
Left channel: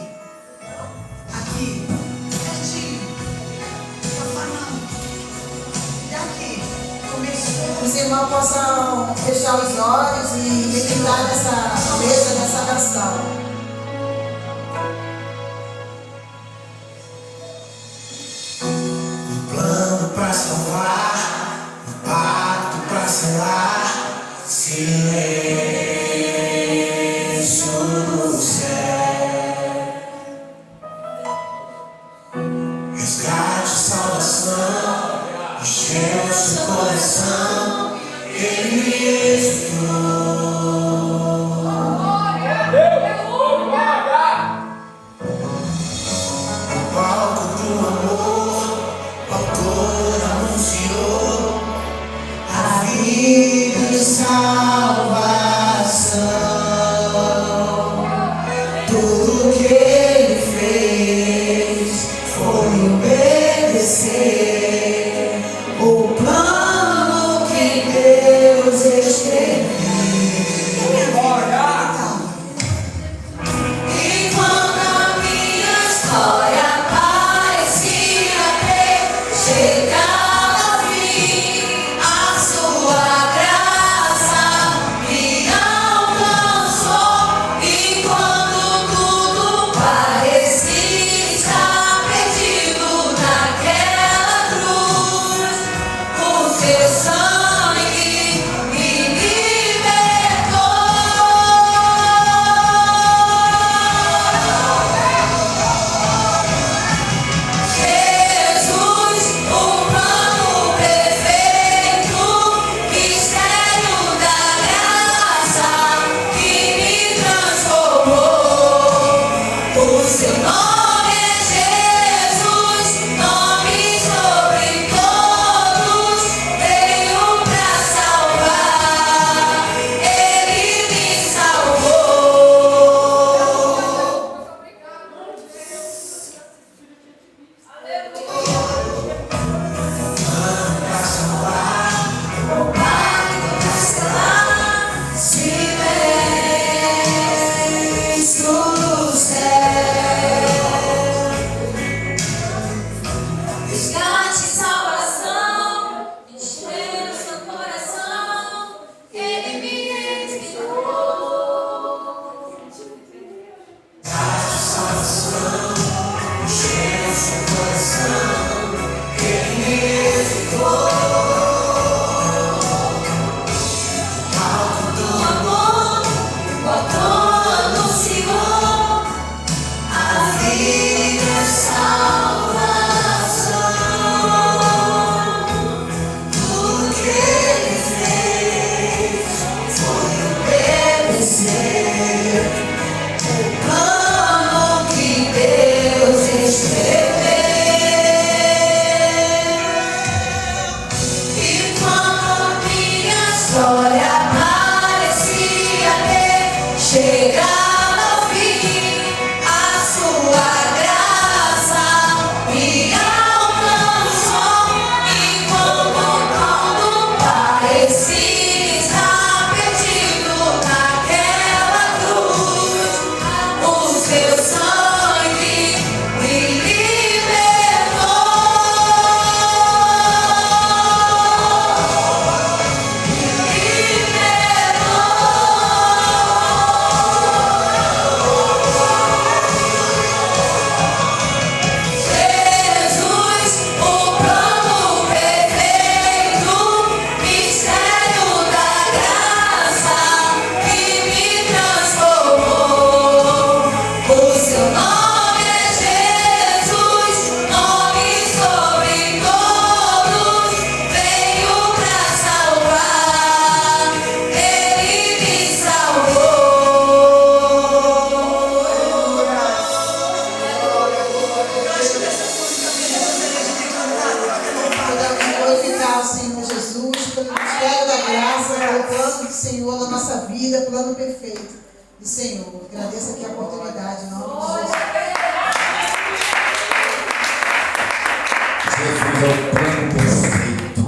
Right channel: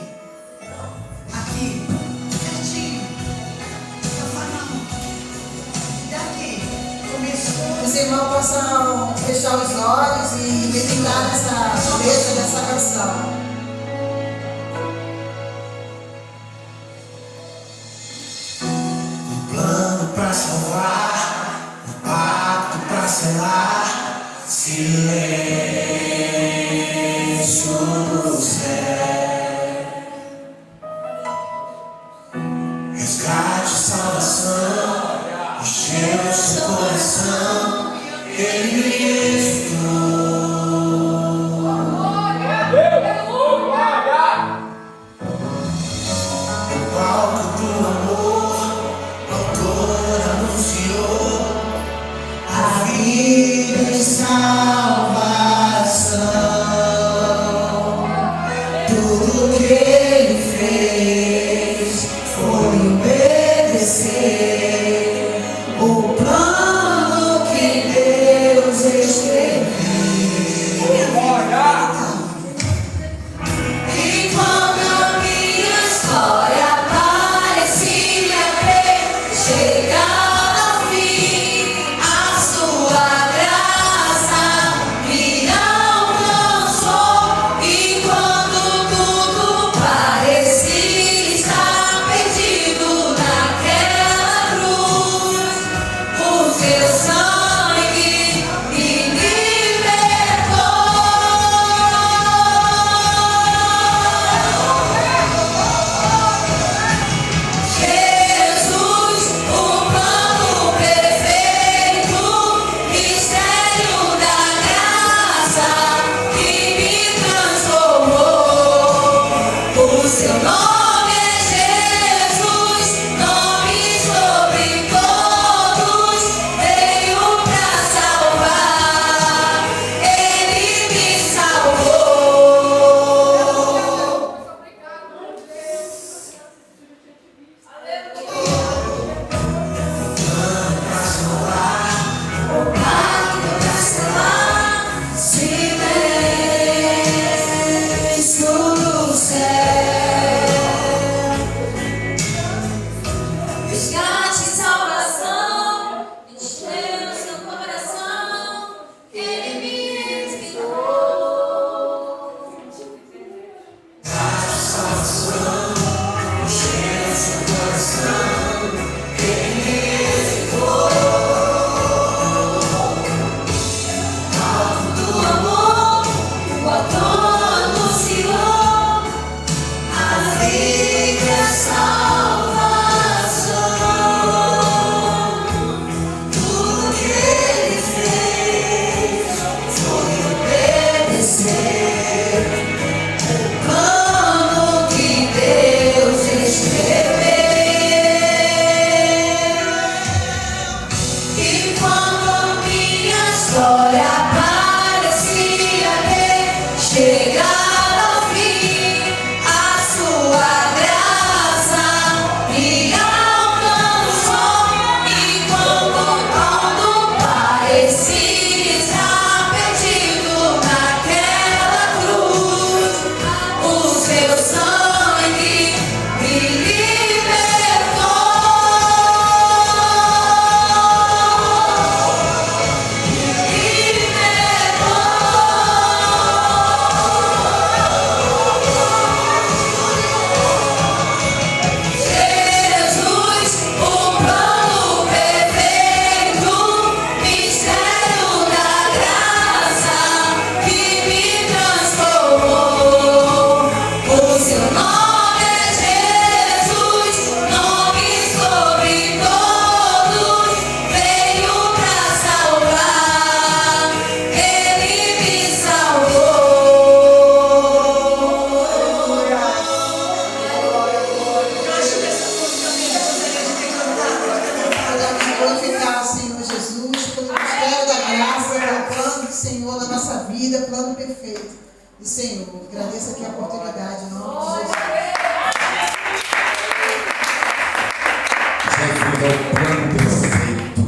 Aqui, pertinho, Cafarnaum. E aqui começou. Os irmãos possam fechar os olhos e meditar nessa letra, nessa canção. Plano pra salvar, pacto pra selar, silêncio do céu. Resgate, salvação, encheu seu coração, ele executou. O palco do amor, o autor anunciou a vida e salvação. Tudo que ele fez foi obedecer o plano que Deus escreveu. E quando a minha história parecia ter chegado ao fim, a sua graça me alcançou. E quando tudo é o plano perfeito.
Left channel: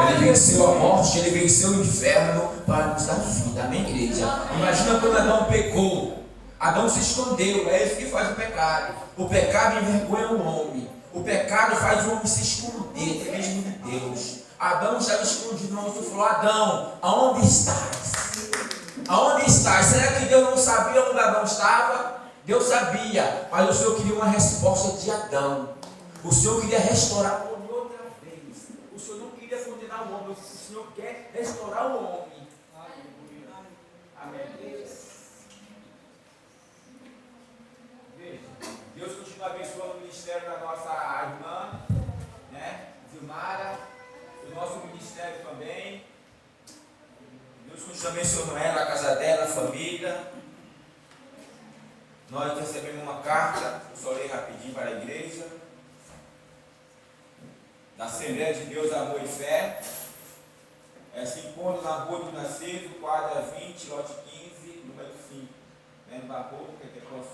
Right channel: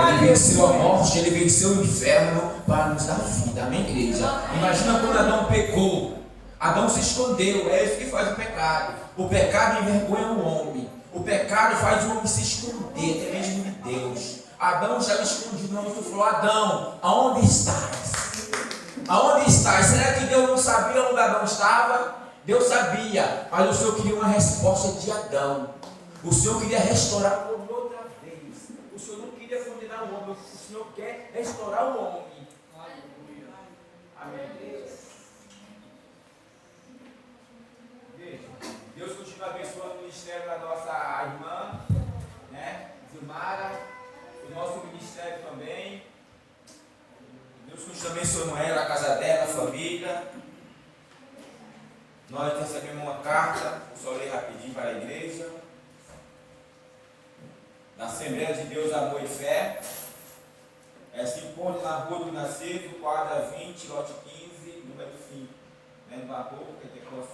Ele venceu a morte, ele venceu o inferno para nos dar vida. Amém, igreja? Imagina quando Adão pecou. Adão se escondeu, é isso que faz o pecado. O pecado envergonha o homem. O pecado faz o homem se esconder, até mesmo de Deus. Adão estava escondido, o anjo falou: Adão, aonde estás? Aonde estás? Será que Deus não sabia onde Adão estava? Deus sabia, mas o Senhor queria uma resposta de Adão. O Senhor queria restaurar o homem outra vez. O Senhor não queria condenar o homem, o Senhor quer restaurar o homem. Amém. Veja, Deus continua abençoando o ministério da nossa irmã, né, Zilmara, o nosso ministério também. Deus continua abençoando ela, a casa dela, a família. Nós recebemos uma carta, vou só ler rapidinho para a igreja, da Assembleia de Deus, Amor e Fé. Se encontra na Rua do Nascido, quadra 20, lote 15, número 5, no Barroco,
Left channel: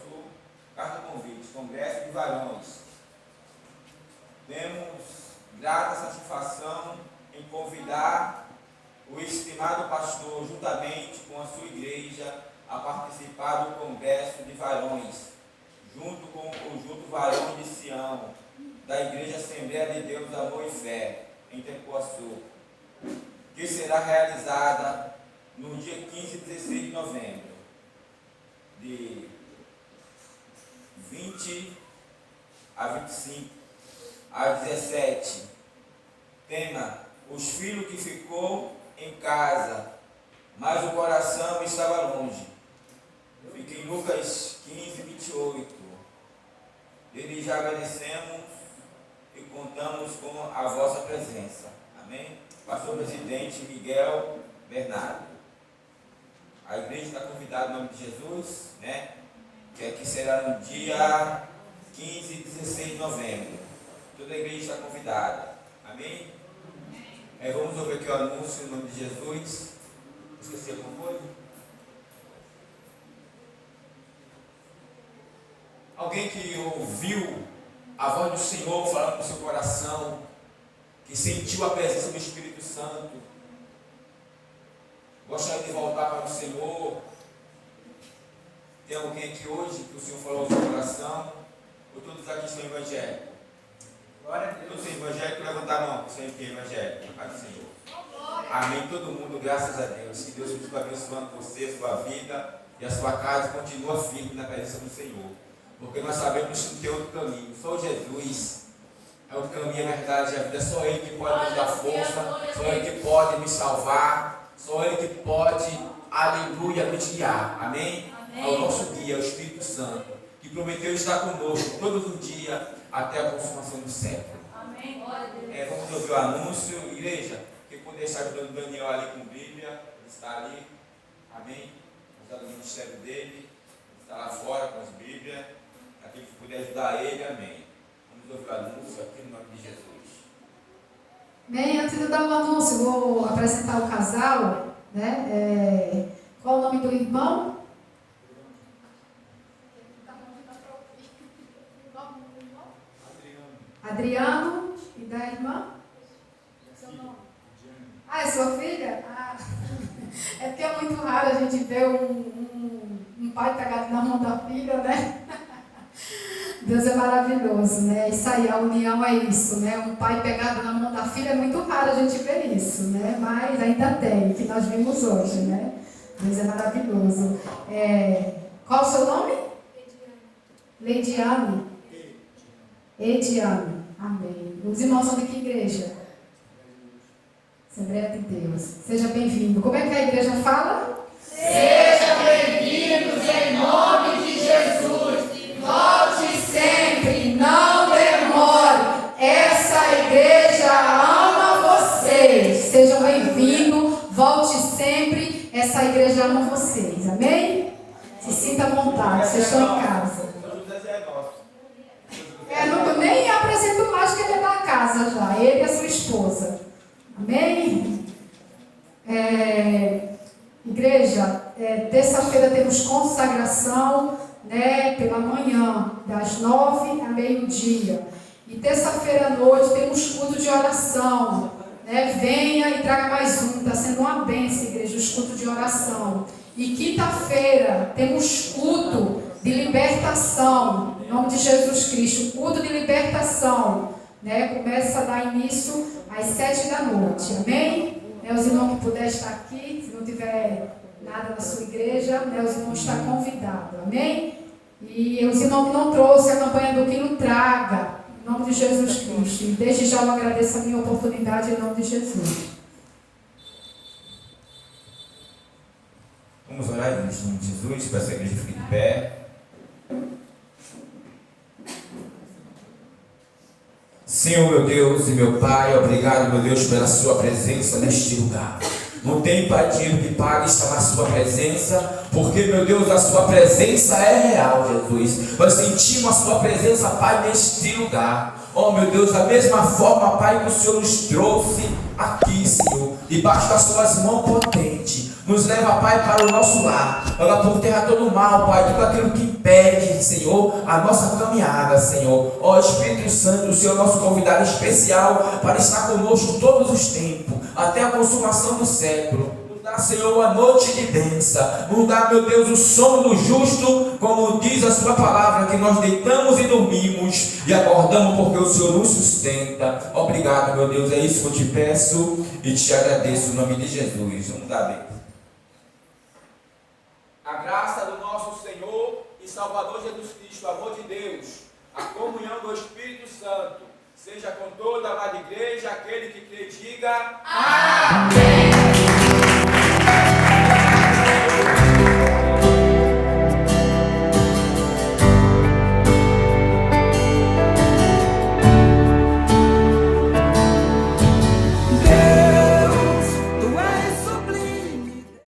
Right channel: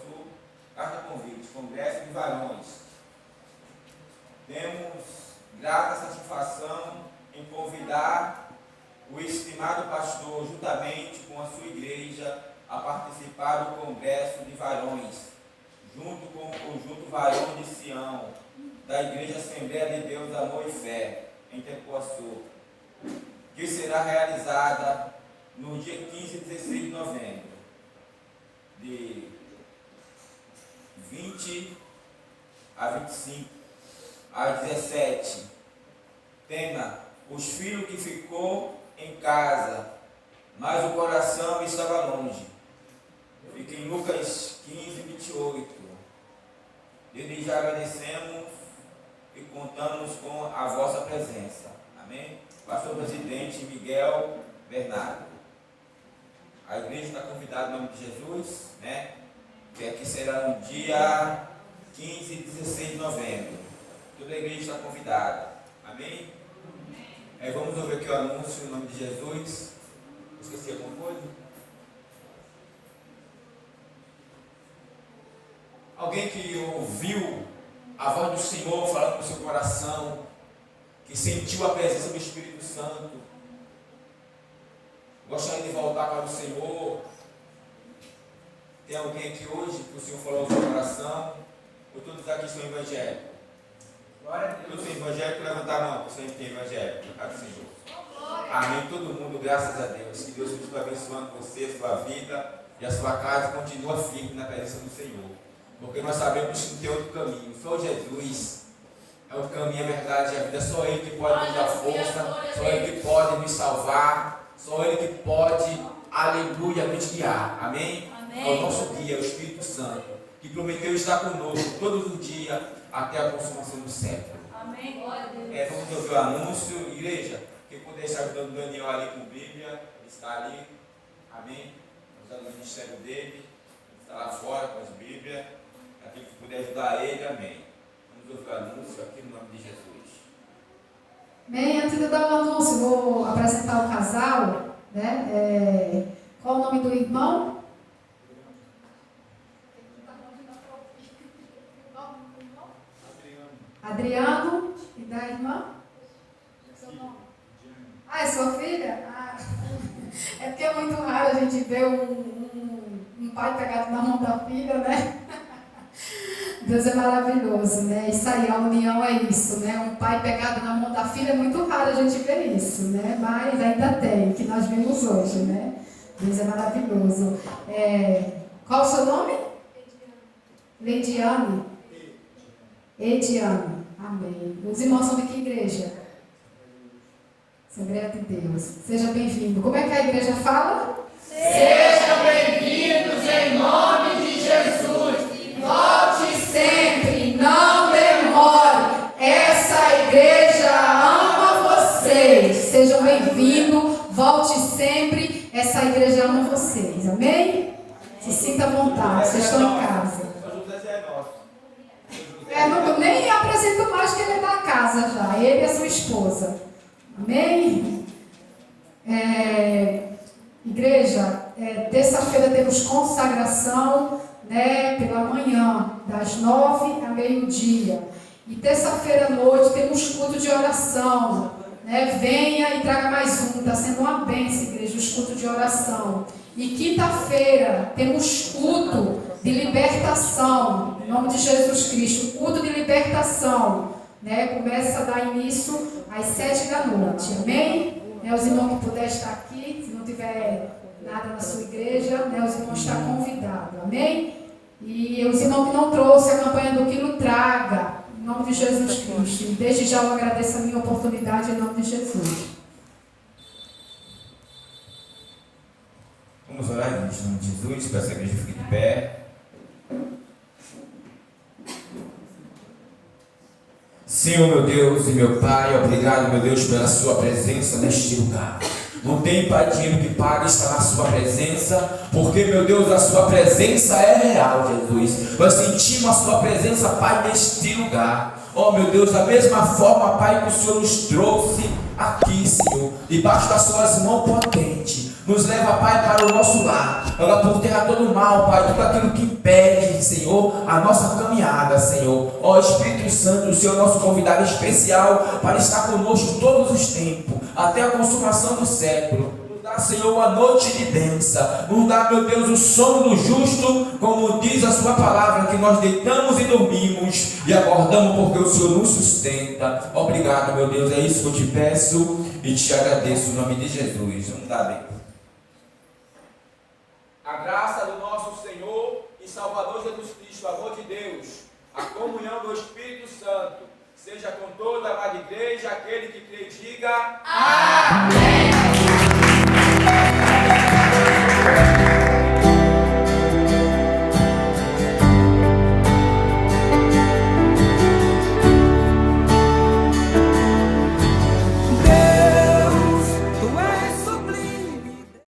Sul. Carta convite, Congresso de Varões. Temos grata satisfação em convidar o estimado pastor, juntamente com a sua igreja, a participar do Congresso de Varões, junto com o conjunto Varões de Sião, da Igreja Assembleia de Deus, Amor e Fé, em Tempoaçu, que será realizada no dia 15 e 16 de novembro, de 20 a 25, às 17. Tema: os filhos que ficou em casa, mas o coração estava longe. Fica em Lucas 15, 28. Desde já agradecemos e contamos com a vossa presença. Amém? Pastor Presidente Miguel Bernardo. A igreja está convidada em nome de Jesus, né? Que aqui será no dia 15 e 16 de novembro. Toda a igreja está convidada. Amém? Vamos ouvir aqui o anúncio em nome de Jesus. Esqueci alguma coisa? Alguém que ouviu a voz do Senhor falando no seu coração, que sentiu a presença do Espírito Santo, gostaria de voltar para o Senhor? Tem alguém aqui hoje que o Senhor falou no seu coração? Ou todos aqui são evangélicos? Todos são evangélicos? Levantar a mão, que são evangélicos. Senhor. Amém. Todo mundo, graças a Deus. Que Deus continue abençoando você, a sua vida e a sua casa. Continua firme na presença do Senhor. Porque nós sabemos que não tem outro caminho. Só Jesus é o caminho, a verdade e a vida. Só Ele que pode nos dar força. Só Ele que pode nos salvar. Só Ele que pode, aleluia, nos guiar. Amém? É o nosso guia, o Espírito Santo, que prometeu estar conosco todos os dias até a consumação do século. Amém. Glória a Deus. Vamos ouvir o anúncio. Igreja, quem puder estar ajudando o Daniel ali com Bíblia, ele está ali. Amém? Está no ministério dele. Ele está lá fora com as Bíblias. Aquele que puder ajudar ele, amém. Vamos ouvir o anúncio aqui no nome de Jesus. Bem, antes de eu dar o anúncio, vou apresentar o casal, né? Qual o nome do irmão? Adriano. E da irmã? Seu nome? É sua filha? É porque é muito raro a gente ver um pai pegado na mão da filha, né? Deus é maravilhoso, né? Isso aí, a união é isso, né? Um pai pegado na mão da filha é muito raro a gente ver isso, né? Mas ainda tem, que nós vimos hoje, né? Deus é maravilhoso. Qual o seu nome? Leidiane. Ediane. Amém. Os irmãos são de que igreja? Assembleia de Deus. Seja bem-vindo. Como é que a igreja fala? Sejam bem-vindos em nome de Jesus. Volte sempre, não demore. Essa igreja ama vocês. Sejam bem-vindos. Volte sempre. Essa igreja ama vocês. Amém? Se sinta à vontade. Vocês estão em casa. Eu nem apresento mais que ele é da casa já. Ele e a sua esposa. Amém? Igreja, terça-feira temos consagração, né, pela manhã, das 9 a meio-dia. E terça-feira à noite temos culto de oração. Né? Venha e traga mais um. Está sendo uma bênção, igreja, os cultos de oração. E quinta-feira temos culto de libertação. Em nome de Jesus Cristo. Culto de libertação. Né? Começa a dar início às 7 da noite. Amém? Né? Os irmãos que puderem estar aqui, se não tiver nada na sua igreja, né? Os irmãos estão convidados. Amém? E os irmãos que não trouxeram a campanha do quilo, traga. Em nome de Jesus Cristo. E desde já eu agradeço a minha oportunidade em nome de Jesus. Vamos orar em nome de Jesus, para essa igreja fique de pé. Senhor, meu Deus e meu Pai, obrigado, meu Deus, pela sua presença neste lugar. Não tem dinheiro que pague estar na sua presença, porque, meu Deus, a sua presença é real, Jesus. Nós sentimos a sua presença, Pai, neste lugar. Oh, meu Deus, da mesma forma, Pai, que o Senhor nos trouxe aqui, Senhor, debaixo das suas mãos potentes. Nos leva, Pai, para o nosso lar. Joga por terra todo o mal, Pai, tudo aquilo que impede, Senhor, a nossa caminhada, Senhor. Ó Espírito Santo, o Senhor é nosso convidado especial para estar conosco todos os tempos, até a consumação do século. Nos dá, Senhor, a noite de bênção. Nos dá, meu Deus, o sono do justo, como diz a sua palavra, que nós deitamos e dormimos e acordamos porque o Senhor nos sustenta. Obrigado, meu Deus, é isso que eu te peço e te agradeço, em nome de Jesus. Vamos dar bem. A graça do nosso Senhor e Salvador Jesus Cristo, o amor de Deus, a comunhão do Espírito Santo, seja com toda a amada igreja, aquele que crê, diga amém.